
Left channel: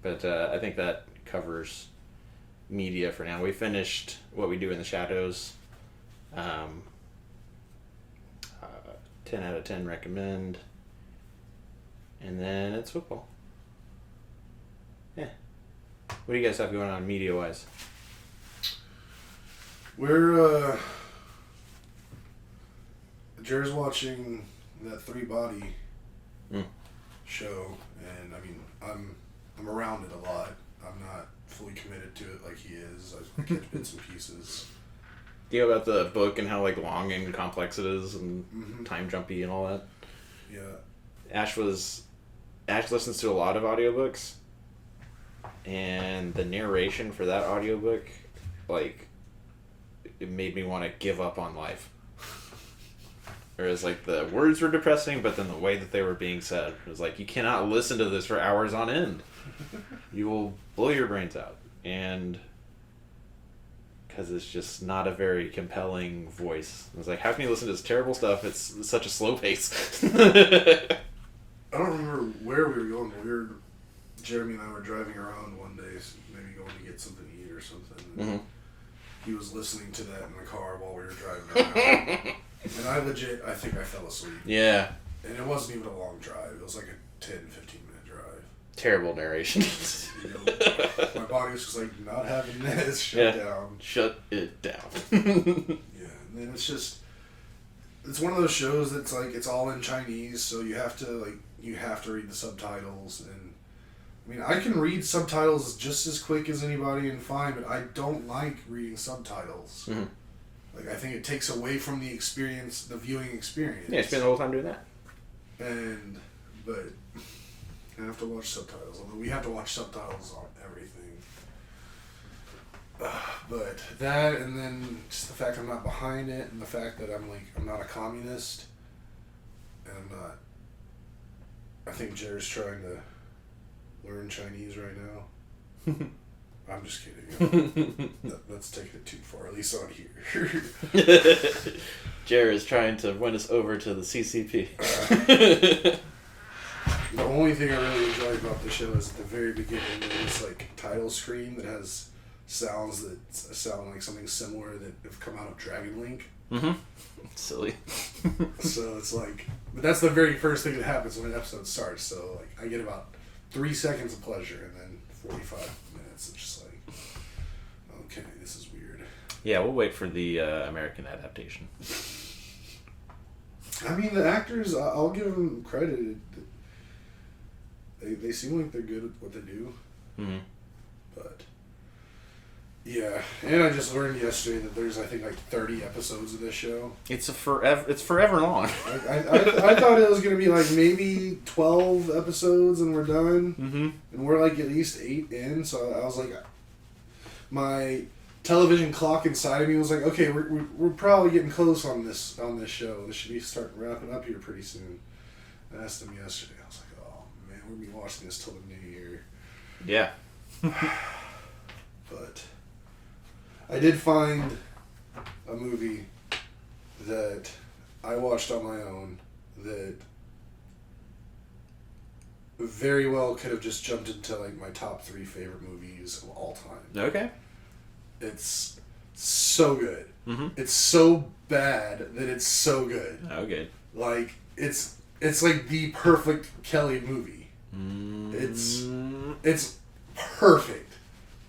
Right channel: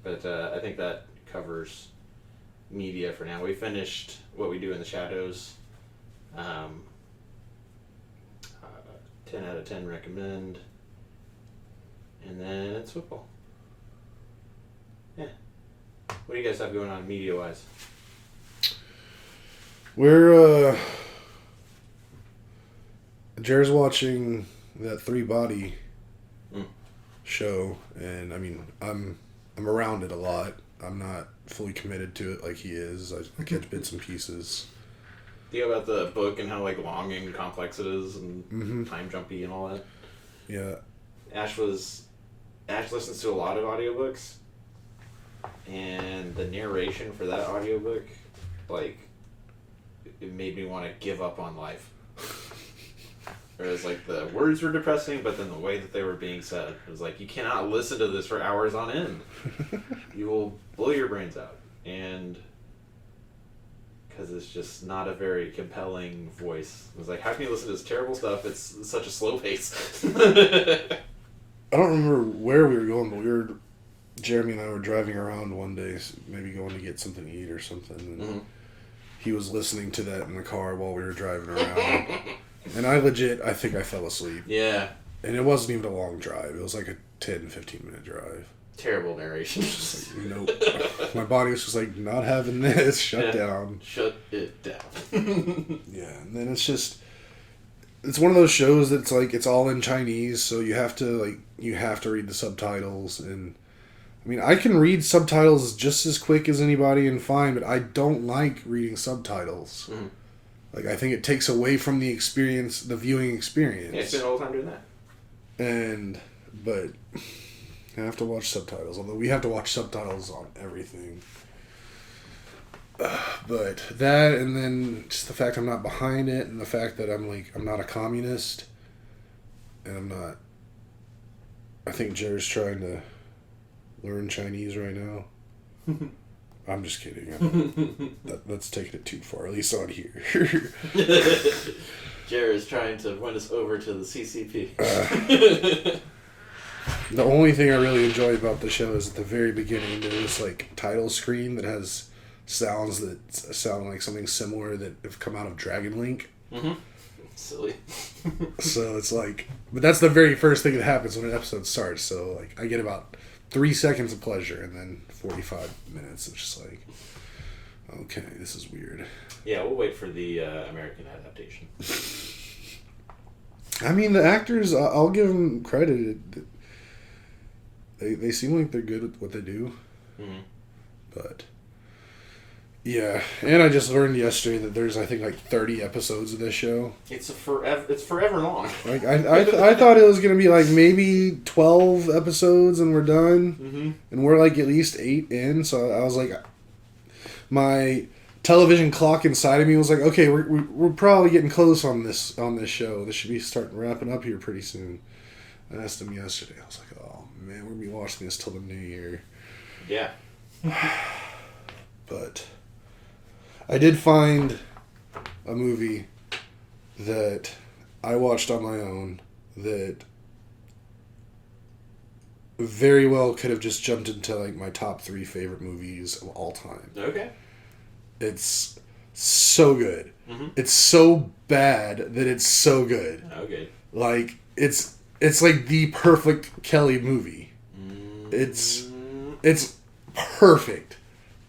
But I think that covers media for now. We finished What We Do in the Shadows. 10 out of 10 recommend. And then it's football. Yeah. What do you guys have going on media-wise? We're, Jared's watching that Three Body show, and I mean, I'm around it a lot. I'm not fully committed to it like he is. I catch bits and pieces. Do you know about the book and how like long and complex it is and time jumpy and all that? Yeah. Ash listens to a lot of audiobooks, and the narration for that audiobook, like, it made me want to give up on life. Whereas, like, the words were depressing, but then the way that they were being said, it was like, you cannot listen to this for hours on end. You will blow your brains out. And because it's just not a very compelling voice. It was like, how can you listen to this terrible stuff? It's such a slow pace. I don't remember where we were going, but Jeremy and I were driving around one day, maybe going to get something to eat or something. And he was listening to that in the car while we were driving around. And I think I fell asleep. Yeah. And it wasn't even a long drive. It was like a 10, 15-minute drive. Terrible narration. My body was just like, not having this. Shut down. Shut it down. Yeah. And then it's one of those shows that's like, it's all in Chinese, so you have to read the subtitles. And I mean, I can read subtitles just as quick as anybody and fine, but I don't like reading subtitles. Mm-hmm. Like, I think it takes away from the experience, the viewing experience. Yeah, spend the whole time doing that. But I have to watch subtitles, although we have to watch subtitles on everything. But that, and then just the fact I'm not behind it, and the fact that I'm not a communist, and I'm not. I think Jared's trying to learn Chinese right now. I'm just kidding. That's taking it too far, at least on here. Jared is trying to win us over to the CCP. The only thing I really enjoy about the show is at the very beginning there's this like title screen that has sounds that sound like something similar that have come out of Dragon Link. Mm-hmm. Silly. So it's like, but that's the very first thing that happens when an episode starts. So like I get about 3 seconds of pleasure and then 45 minutes of just like, okay, this is weird. Yeah, we'll wait for the American adaptation. I mean, the actors, I'll give them credit. They seem like they're good at what they do. Mm-hmm. But Yeah, and I just learned yesterday that there's, I think, like 30 episodes of this show. It's forever long. Like I thought it was gonna be like maybe 12 episodes and we're done, and we're like at least 8 in. So I was like, my television clock inside of me was like, okay, we're probably getting close on this show. This should be starting wrapping up here pretty soon. I asked him yesterday. I was like, oh man, we're gonna be watching this till the new year. Yeah. But I did find a movie that I watched on my own that very well could have just jumped into like my top 3 favorite movies of all time. Okay. It's so good. It's so bad that it's so good. Okay. Like it's like the perfect Kelly movie. It's perfect,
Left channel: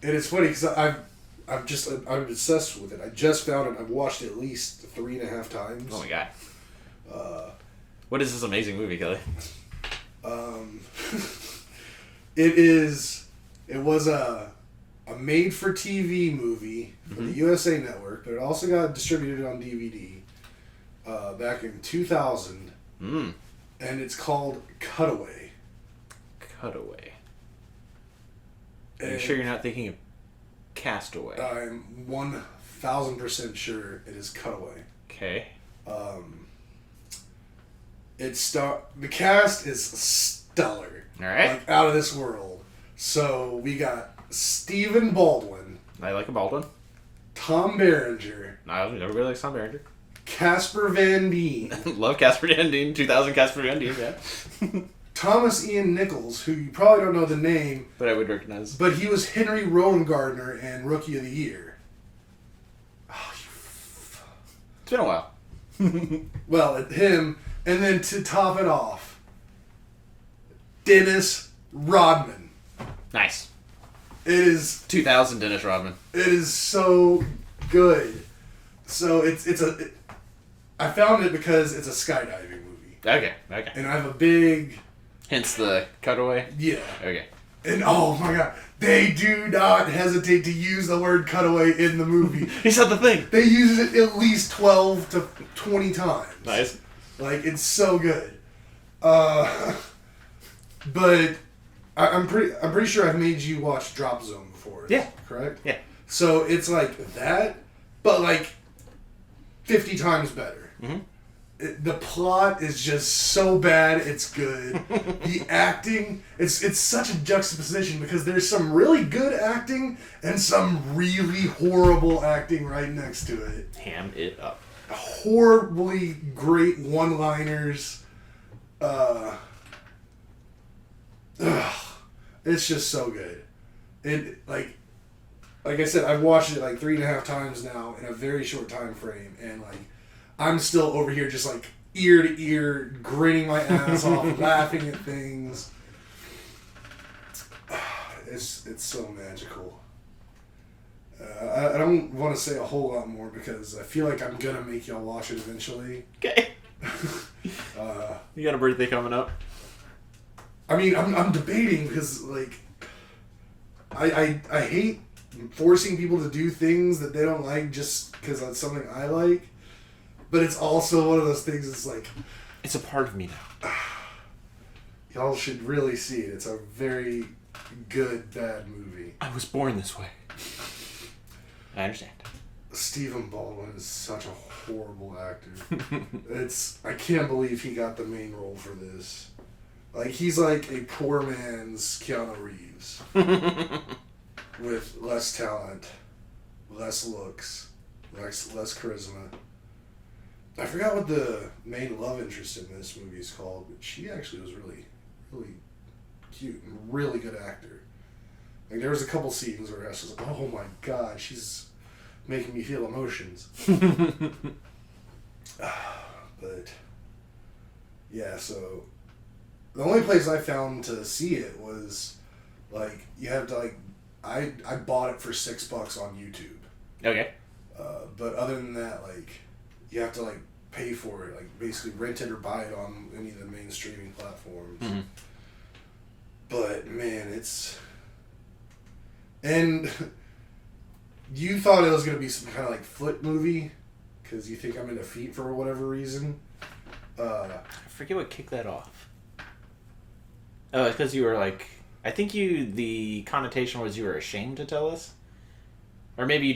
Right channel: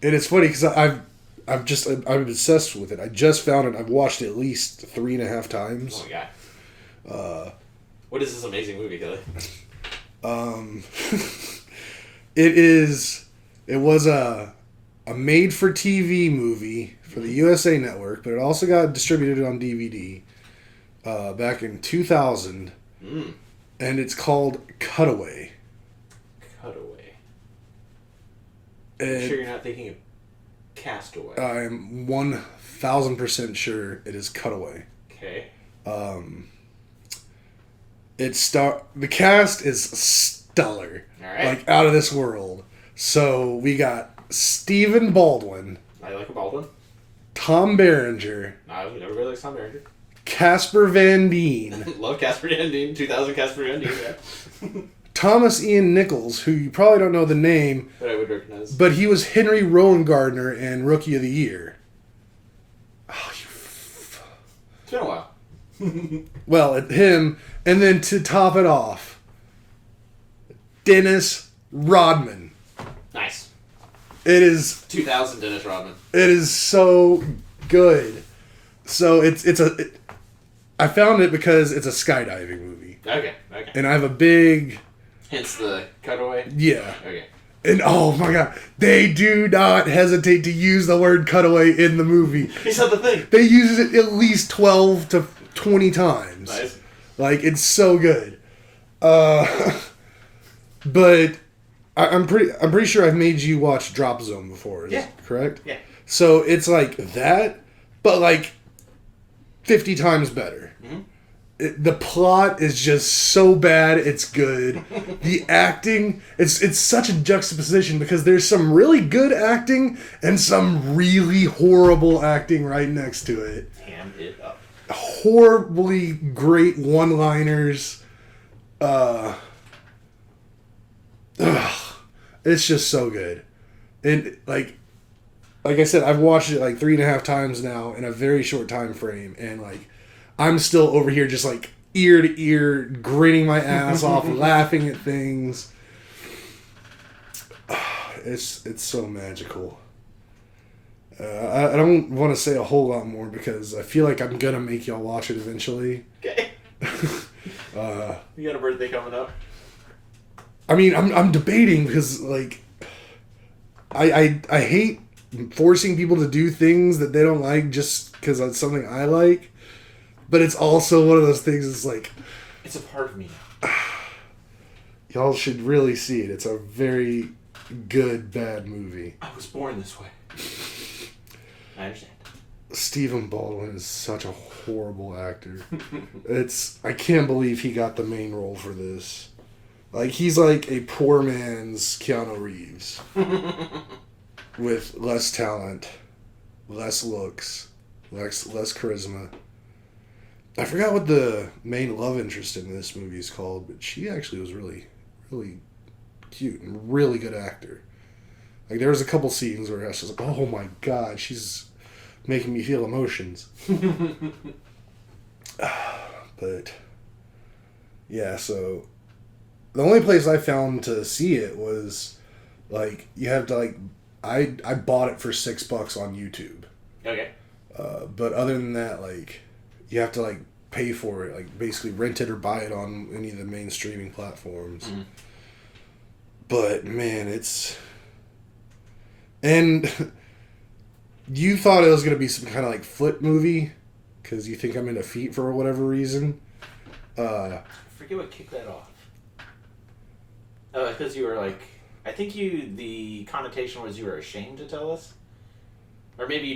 and it's funny because I'm obsessed with it. I just found it. I've watched it at least 3.5 times. Oh my god. What is this amazing movie, Kelly? It was a made-for-TV movie for the USA Network, but it also got distributed on DVD back in 2000, and it's called Cutaway. Cutaway. Are you sure you're not thinking of Castaway? I'm 1,000% sure it is Cutaway. Okay. The cast is stellar. All right. Like out of this world. So we got Stephen Baldwin. I like a Baldwin. Tom Berenger. Everybody likes Tom Berenger. Casper Van Dien. Love Casper Van Dien. 2000 Casper Van Dien, yeah. Thomas Ian Nichols, who you probably don't know the name. But I would recognize. But he was Henry Rowan-Gardner and Rookie of the Year. Oh, It's been a while. Well, him, and then to top it off, Dennis Rodman. Nice. It is 2000 Dennis Rodman. It is so good. So I found it because it's a skydiving movie. Okay. And I have a big... Hence the Cutaway? Yeah. Okay. And oh my god, they do not hesitate to use the word cutaway in the movie. He's not the thing. They use it at least 12 to 20 times. Nice. Like, it's so good. But I'm pretty sure I've made you watch Drop Zone before. Yeah. Correct? Yeah. So it's like that, but like 50 times better. The plot is just so bad, it's good. The acting, it's such a juxtaposition because there's some really good acting and some really horrible acting right next to it. Ham it up. Horribly great one-liners. It's just so good. And like I said, I've watched it like 3.5 times now in a very short time frame, and like I'm still over here just like ear to ear, grinning my ass off, laughing at things. It's so magical. I don't want to say a whole lot more because I feel like I'm gonna make y'all watch it eventually. Okay. You got a birthday coming up? I mean, I'm debating because like I hate forcing people to do things that they don't like just because that's something I like. But it's also one of those things that's like... It's a part of me now. Y'all should really see it. It's a very good, bad movie. I was born this way. I understand. Stephen Baldwin is such a horrible actor. I can't believe he got the main role for this. Like, he's like a poor man's Keanu Reeves. With less talent, less looks, less charisma. I forgot what the main love interest in this movie is called, but she actually was really, really cute and really good actor. Like, there was a couple scenes where I was like, oh my god, she's making me feel emotions. But, yeah, so the only place I found to see it was, like, you have to, like, I bought it for $6 on YouTube. Okay. But other than that, like, you have to like pay for it, like basically rent it or buy it on any of the main streaming platforms. But man, and you thought it was going to be some kind of like foot movie because you think I'm into feet for whatever reason. I forget what kicked that off. Oh, because you were like, I think the connotation was you were ashamed to tell us. Or maybe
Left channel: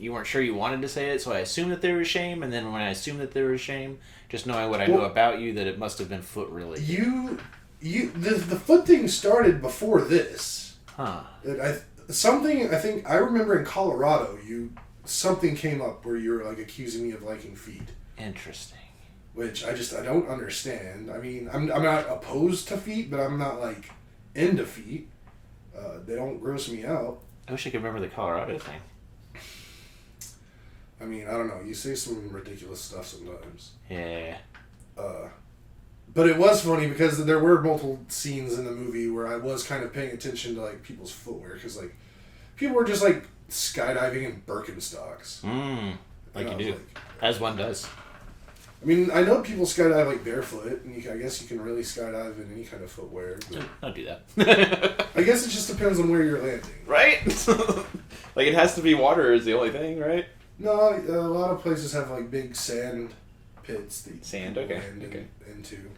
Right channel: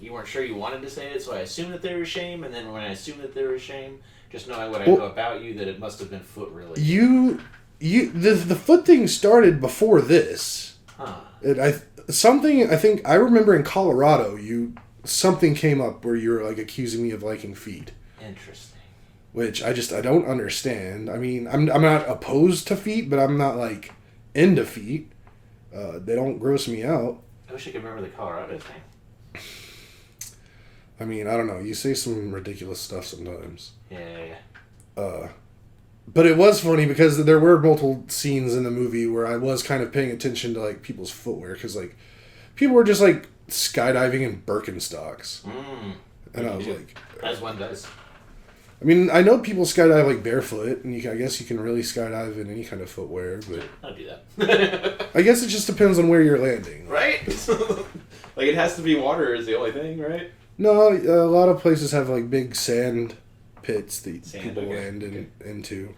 you weren't sure you wanted to say it, so I assumed that there was shame, and then when I assumed that there was shame, just knowing what I know about you, that it must have been foot related. The foot thing started before this. Huh. I remember in Colorado, something came up where you were like accusing me of liking feet. Interesting. Which I don't understand. I mean, I'm not opposed to feet, but I'm not like into feet. They don't gross me out. I wish I could remember the Colorado thing. I mean, I don't know. You say some ridiculous stuff sometimes. Yeah. But it was funny because there were multiple scenes in the movie where I was kind of paying attention to like people's footwear because like people were just like skydiving in Birkenstocks. And I was like, as one does. I mean, I know people skydive like barefoot, and I guess you can really skydive in any kind of footwear. But I'll do that. I guess it just depends on where you're landing. Right? Like, it has to be water is the only thing, right? No, a lot of places have like big sand pits that people land into.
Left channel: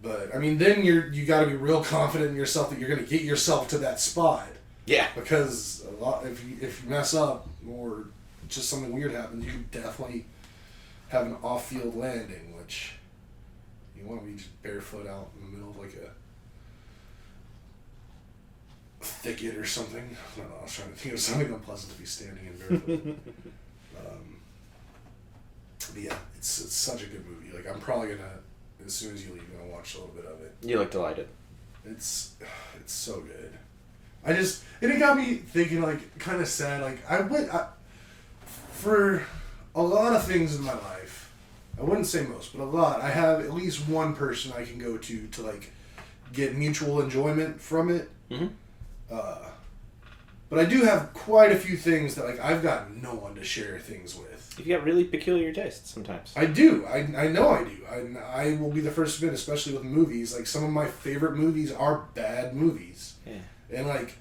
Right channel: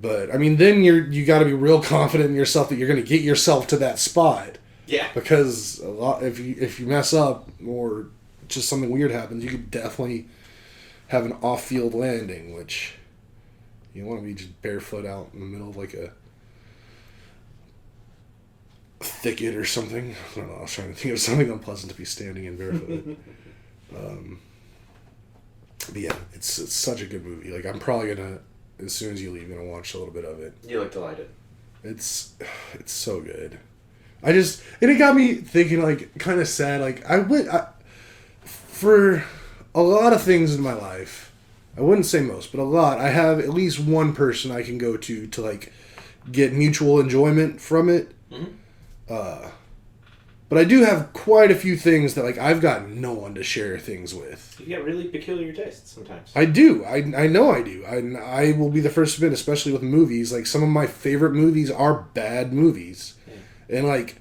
But I mean, then you got to be real confident in yourself that you're going to get yourself to that spot. Yeah. Because if you mess up or just something weird happens, you could definitely have an off-field landing, which you want to be just barefoot out in the middle of like a thicket or something. I don't know. I was trying to think of something unpleasant to be standing in barefoot. But yeah, it's such a good movie. Like, I'm probably gonna, as soon as you leave, gonna watch a little bit of it. You look delighted. It's so good. And it got me thinking, like, kind of sad. Like, for a lot of things in my life, I wouldn't say most, but a lot, I have at least one person I can go to like get mutual enjoyment from it. Mm-hmm. But I do have quite a few things that like I've got no one to share things with. You got really peculiar tastes sometimes. I do. I know I do. I will be the first to admit, especially with movies. Like, some of my favorite movies are bad movies. Yeah. And like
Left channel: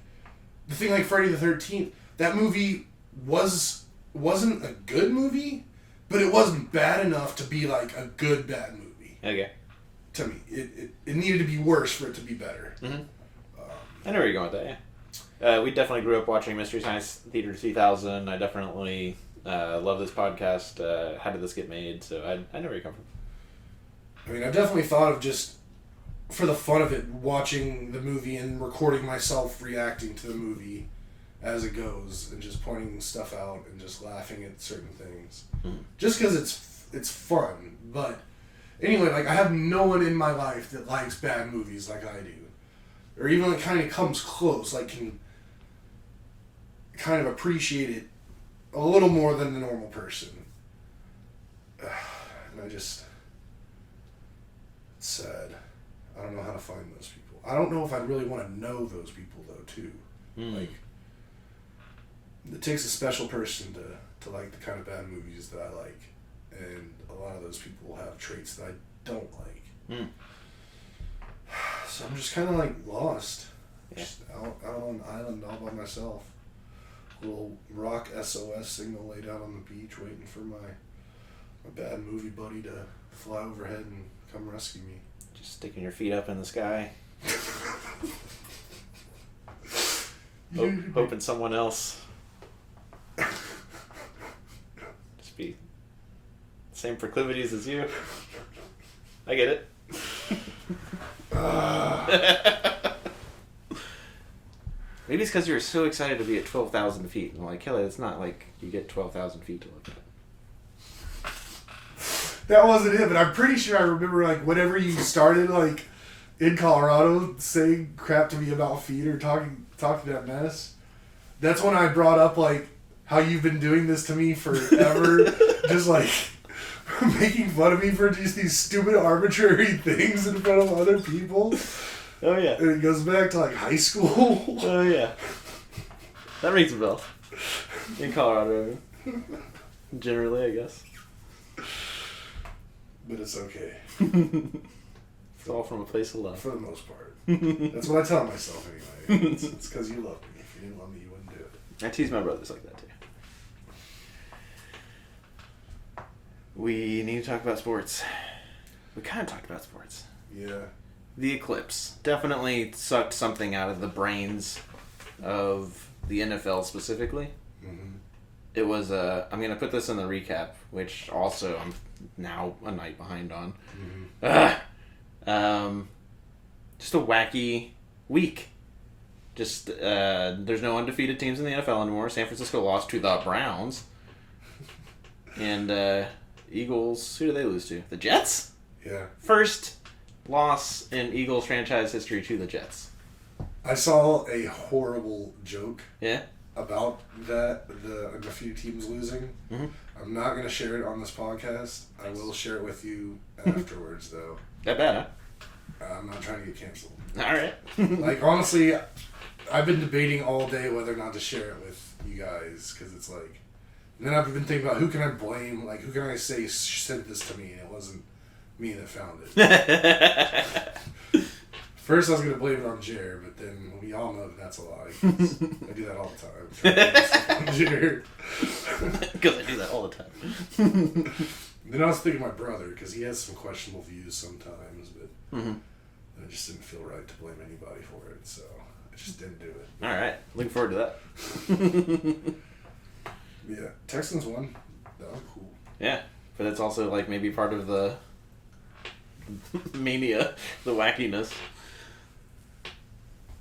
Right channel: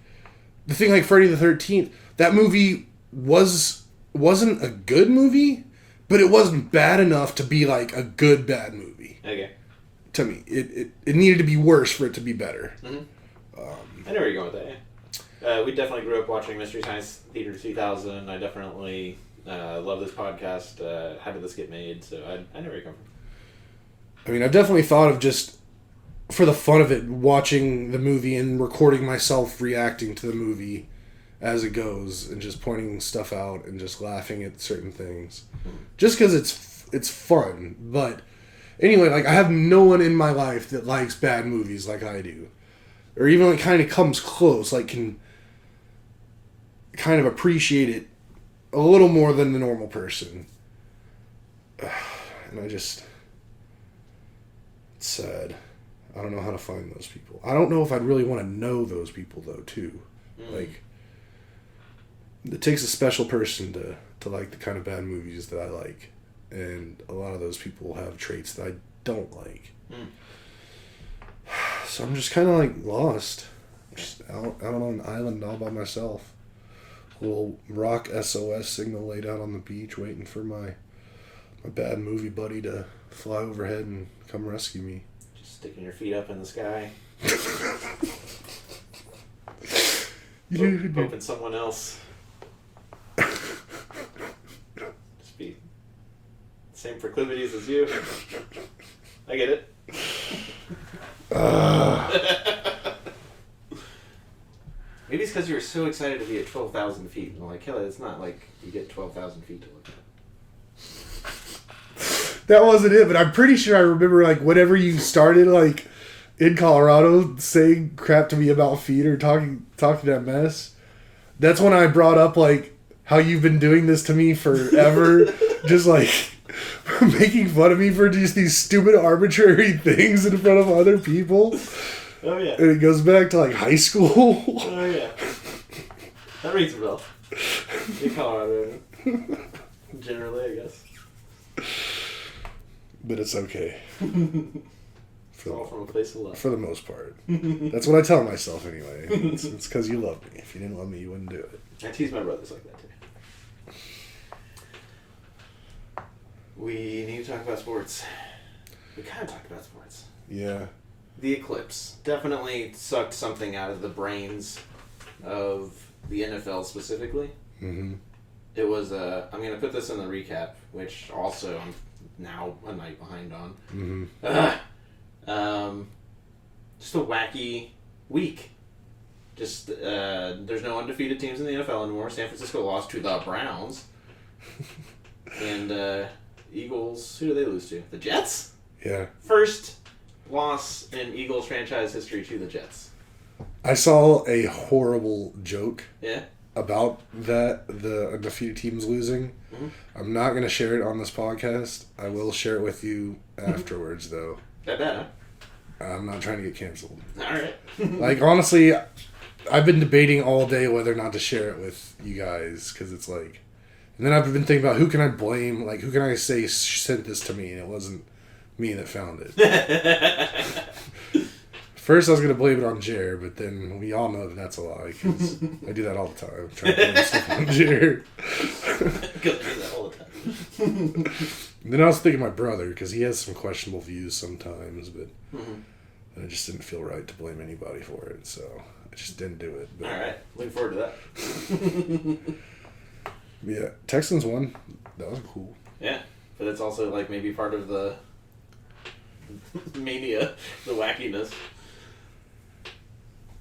the thing, like Friday the 13th, that movie wasn't a good movie, but it wasn't bad enough to be like a good bad movie. Okay. To me, it needed to be worse for it to be better. Mm-hmm. I know where you're going with that. Yeah. We definitely grew up watching Mystery Science Theater 3000. I definitely love this podcast. How did this get made? So I know where you come from. I mean, I've definitely thought of just, for the fun of it, watching the movie and recording myself reacting to the movie as it goes and just pointing stuff out and just laughing at certain things. Mm-hmm. Just because it's fun. But anyway, like, I have no one in my life that likes bad movies like I do. Or even like kind of comes close, like can kind of appreciate it a little more than the normal person. And it's sad. I don't know how to find those people. I don't know if I'd really want to know those people though too. Like, it takes a special person to like the kind of bad movies that I like. And a lot of those people have traits that I don't like. So I'm just kind of like lost. Just out on an island all by myself. Little rock SOS signal laid out on the beach waiting for my bad movie buddy to fly overhead and come rescue me. Just sticking your feet up in the sky. Hoping someone else. Just be same proclivities as you. I get it. Maybe it's because you were so excited to be at 12,000 feet. And like, Kelly, it's not like you get 12,000 feet to look at. That wasn't it, but I'm pretty sure I remember, like, whenever you started, like, in Colorado saying crap to me about feet or talking that mess, that's when I brought up, like, how you've been doing this to me forever. Just, like, making fun of me for just these stupid arbitrary things in front of other people. Oh, yeah. And it goes back to, like, high school. Oh, yeah. That rings a bell. In Colorado. Generally, I guess. But it's okay. It's all from a place of love. For the most part. That's what I tell myself anyway. It's because you love me. If you didn't love me, you wouldn't do it. I tease my brothers like that too. We need to talk about sports. We kind of talked about sports. Yeah. The eclipse definitely sucked something out of the brains of the NFL specifically. Mm-hmm. It was I'm going to put this in the recap, which also I'm now a night behind on. Mm-hmm. Just a wacky week. Just there's no undefeated teams in the NFL anymore. San Francisco lost to the Browns. And Eagles, who do they lose to? The Jets? Yeah. First loss in Eagles franchise history to the Jets. I saw a horrible joke. Yeah. About that, the undefeated teams losing. Mm-hmm. I'm not going to share it on this podcast. I will share it with you afterwards, though. That bad, huh? I'm not trying to get canceled. Alright. Like, honestly, I've been debating all day whether or not to share it with you guys, because it's like... And then I've been thinking about who can I blame, like, who can I say sent this to me, and it wasn't me that found it. First, I was going to blame it on Jer, but then we all know that that's a lie, because I do that all the time. Trying to blame stuff on Jer. Because I do that all the time. Then I was thinking my brother, because he has some questionable views sometimes, but I just didn't feel right to blame anybody for it, so I just didn't do it. But, alright, looking forward to that. Yeah, Texans won. That was cool. Yeah, but it's also like maybe part of the mania, the wackiness.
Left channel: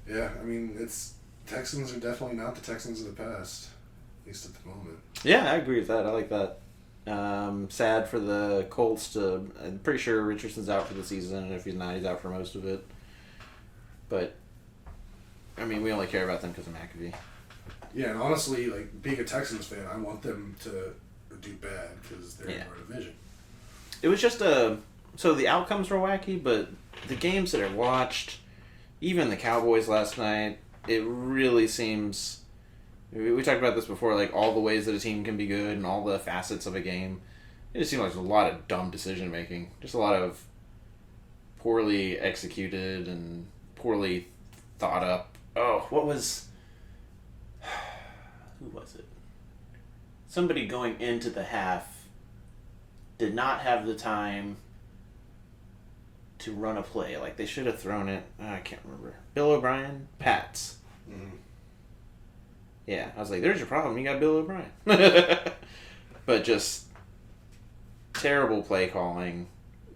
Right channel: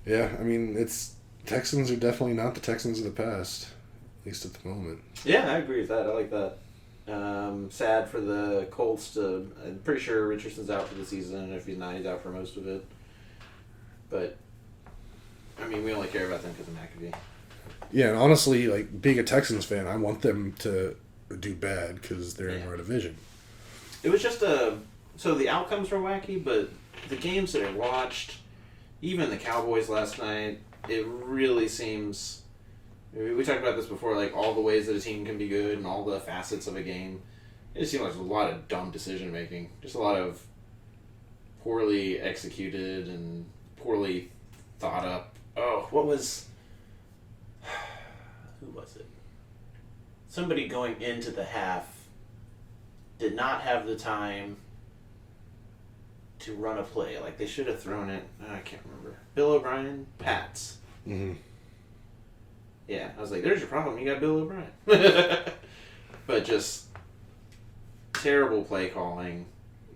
Yeah, I mean, Texans are definitely not the Texans of the past, at least at the moment. Yeah, I agree with that. I like that. Sad for the Colts I'm pretty sure Richardson's out for the season, and if he's not, he's out for most of it. But, I mean, we only care about them because of McAfee. Yeah, and honestly, like, being a Texans fan, I want them to do bad because they're in our division. It was just so the outcomes were wacky, but the games that I watched, even the Cowboys last night, it really seems... We talked about this before, like, all the ways that a team can be good and all the facets of a game. It just seemed like there's a lot of dumb decision-making. Just a lot of poorly executed and poorly thought up. Oh, what was... Who was it? Somebody going into the half did not have the time to run a play. Like, they should have thrown it... I can't remember. Bill O'Brien? Pats. Mm-hmm. Yeah, I was like, there's your problem. You got Bill O'Brien. But just terrible play calling,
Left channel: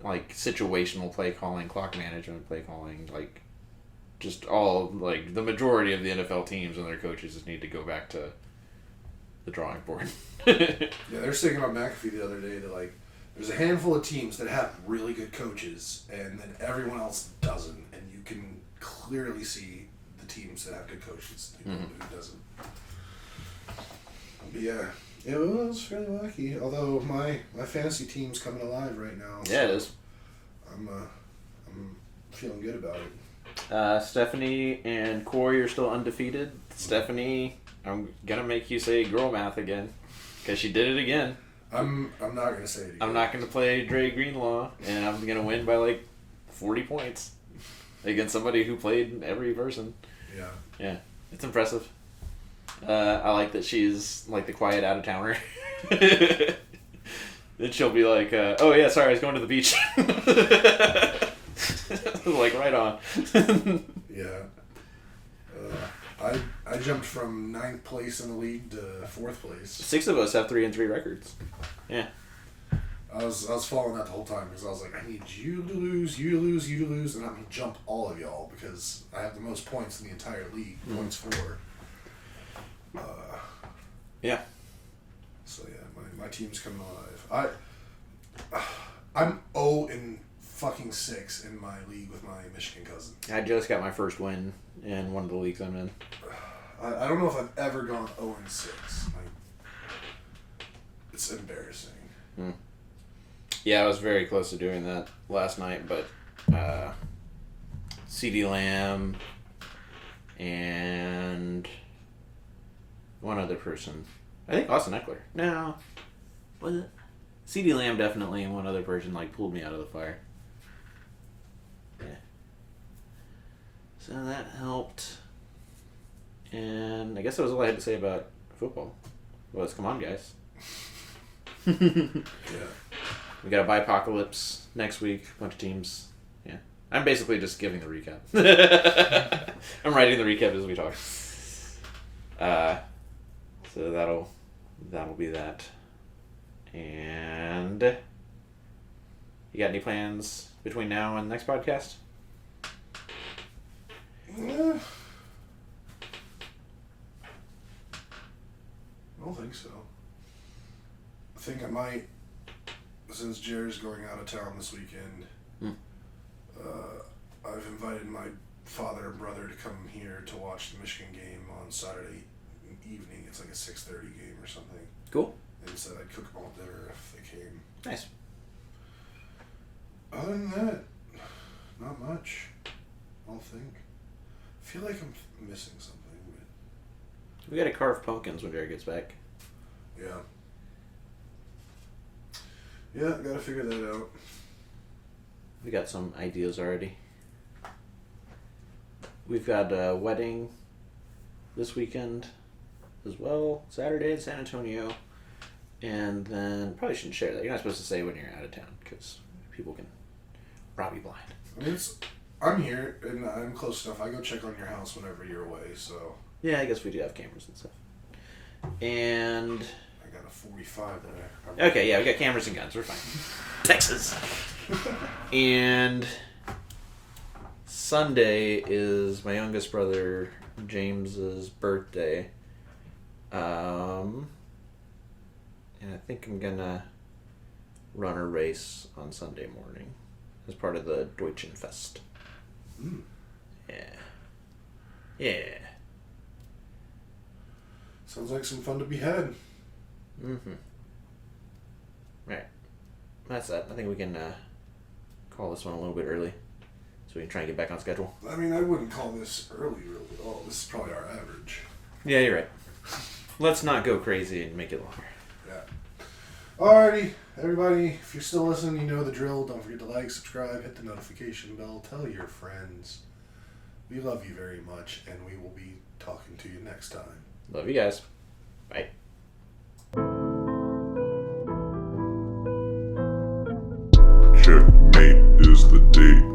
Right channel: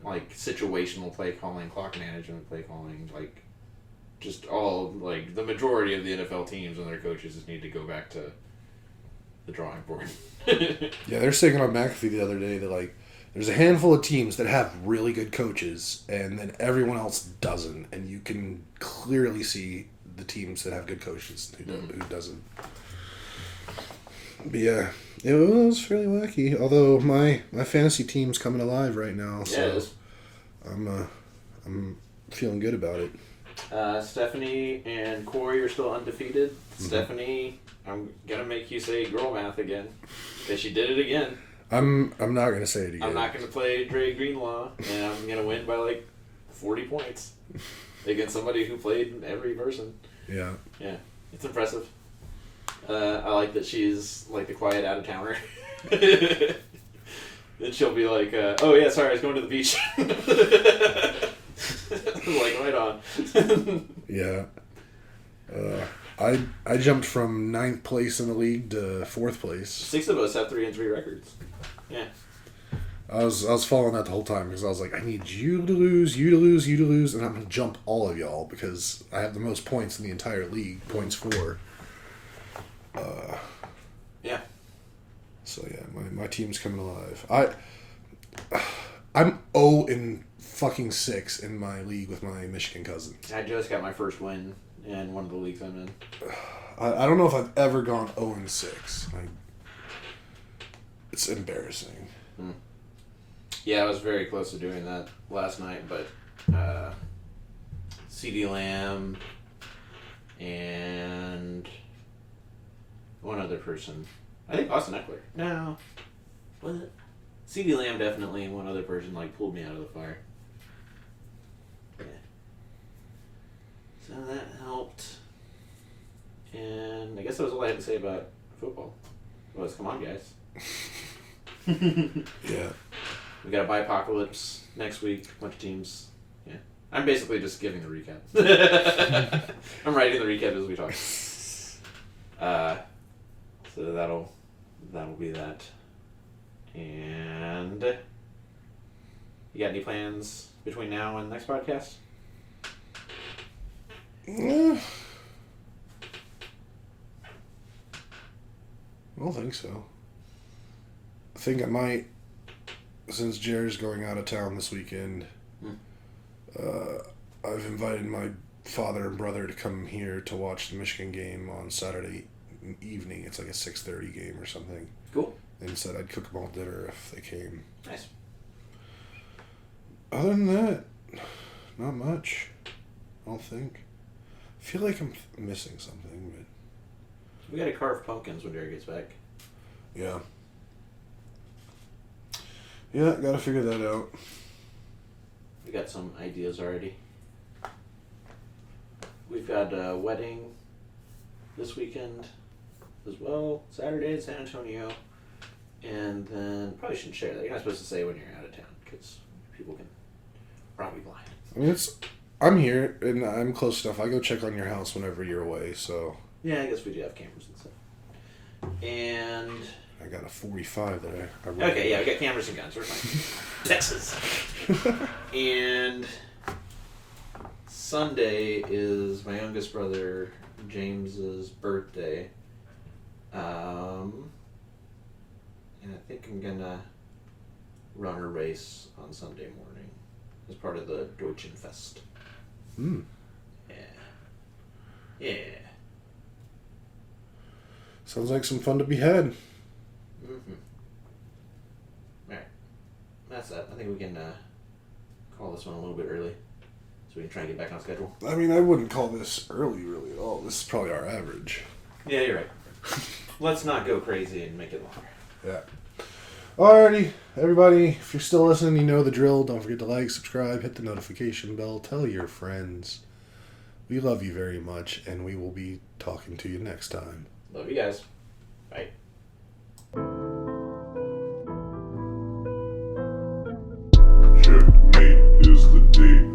like situational play calling, clock management play calling, like just all, like the majority of the NFL teams and their coaches just need to go back to the drawing board. Yeah, they're saying on McAfee the other day that, like, there's a handful of teams that have really good coaches and then everyone else doesn't. And you can clearly see the teams that have good coaches who doesn't. But yeah, it was really wacky. Although my fantasy team's coming alive right now, so Yeah, it is. I'm feeling good about it. Stephanie and Corey are still undefeated. Mm-hmm. Stephanie, I'm gonna make you say girl math again because she did it again. I'm not gonna say it again. I'm not gonna play Dre Greenlaw, and I'm gonna win by like 40 points against somebody who played every person. Yeah. Yeah, it's impressive. I like that she's like the quiet out of towner. Then she'll be like, "Oh yeah, sorry, I was going to the beach." Like right on. Yeah. I jumped from 9th place in the league to 4th place. 6 of us have 3-3 records. Yeah. I was following that the whole time because I was like, I need you to lose, you to lose, you to lose, and I'm gonna jump all of y'all because I have the most points in the entire league. Points for. Yeah. So yeah, my team's coming alive. I'm 0-6 in my league with my Michigan cousins. I just got my first win in one of the leagues I'm in. I don't know if I've ever gone 0-6. It's embarrassing. Yeah, I was very close to doing that last night, but CeeDee Lamb and one other person. I think Austin Eckler. No. Was it? CeeDee Lamb definitely, and one other person like pulled me out of the fire. So that helped. And I guess that was all I had to say about football. Was come on, guys. Yeah. We got a Bipocalypse next week. A bunch of teams. Yeah. I'm basically just giving the recap. I'm writing the recap as we talk. So that'll be that. And you got any plans between now and next podcast? Yeah. I don't think so. I think I might, since Jared's going out of town this weekend, I've invited my father and brother to come here to watch the Michigan game on Saturday evening. It's like a 6:30 game or something. Cool. And said I'd cook them all dinner if they came. Nice. Other than that, not much. I don't think. I feel like I'm missing something, but... We gotta carve pumpkins when Jared gets back. Yeah. Yeah, gotta figure that out. We got some ideas already. We've got a wedding this weekend as well. Saturday in San Antonio. And then, probably shouldn't share that. You're not supposed to say when you're out of town because people can rob you blind. I mean, I'm here and I'm close enough. I go check on your house whenever you're away, so... Yeah, I guess we do have cameras and stuff. And... I got a 45 there. Okay, yeah, we got cameras and guns. We're fine. Texas. And Sunday is my youngest brother James's birthday. And I think I'm gonna run a race on Sunday morning as part of the Deutschen Fest. Yeah. Yeah. Sounds like some fun to be had. Alright. That's that. I think we can call this one a little bit early so we can try and get back on schedule. I mean, I wouldn't call this early, really, at all. This is probably our average. Yeah, you're right. Let's not go crazy and make it longer. Yeah. Alrighty, everybody, if you're still listening, you know the drill. Don't forget to like, subscribe, hit the notification bell, tell your friends. We love you very much, and we will be talking to you next time. Love you guys. Bye. Checkmate is the date.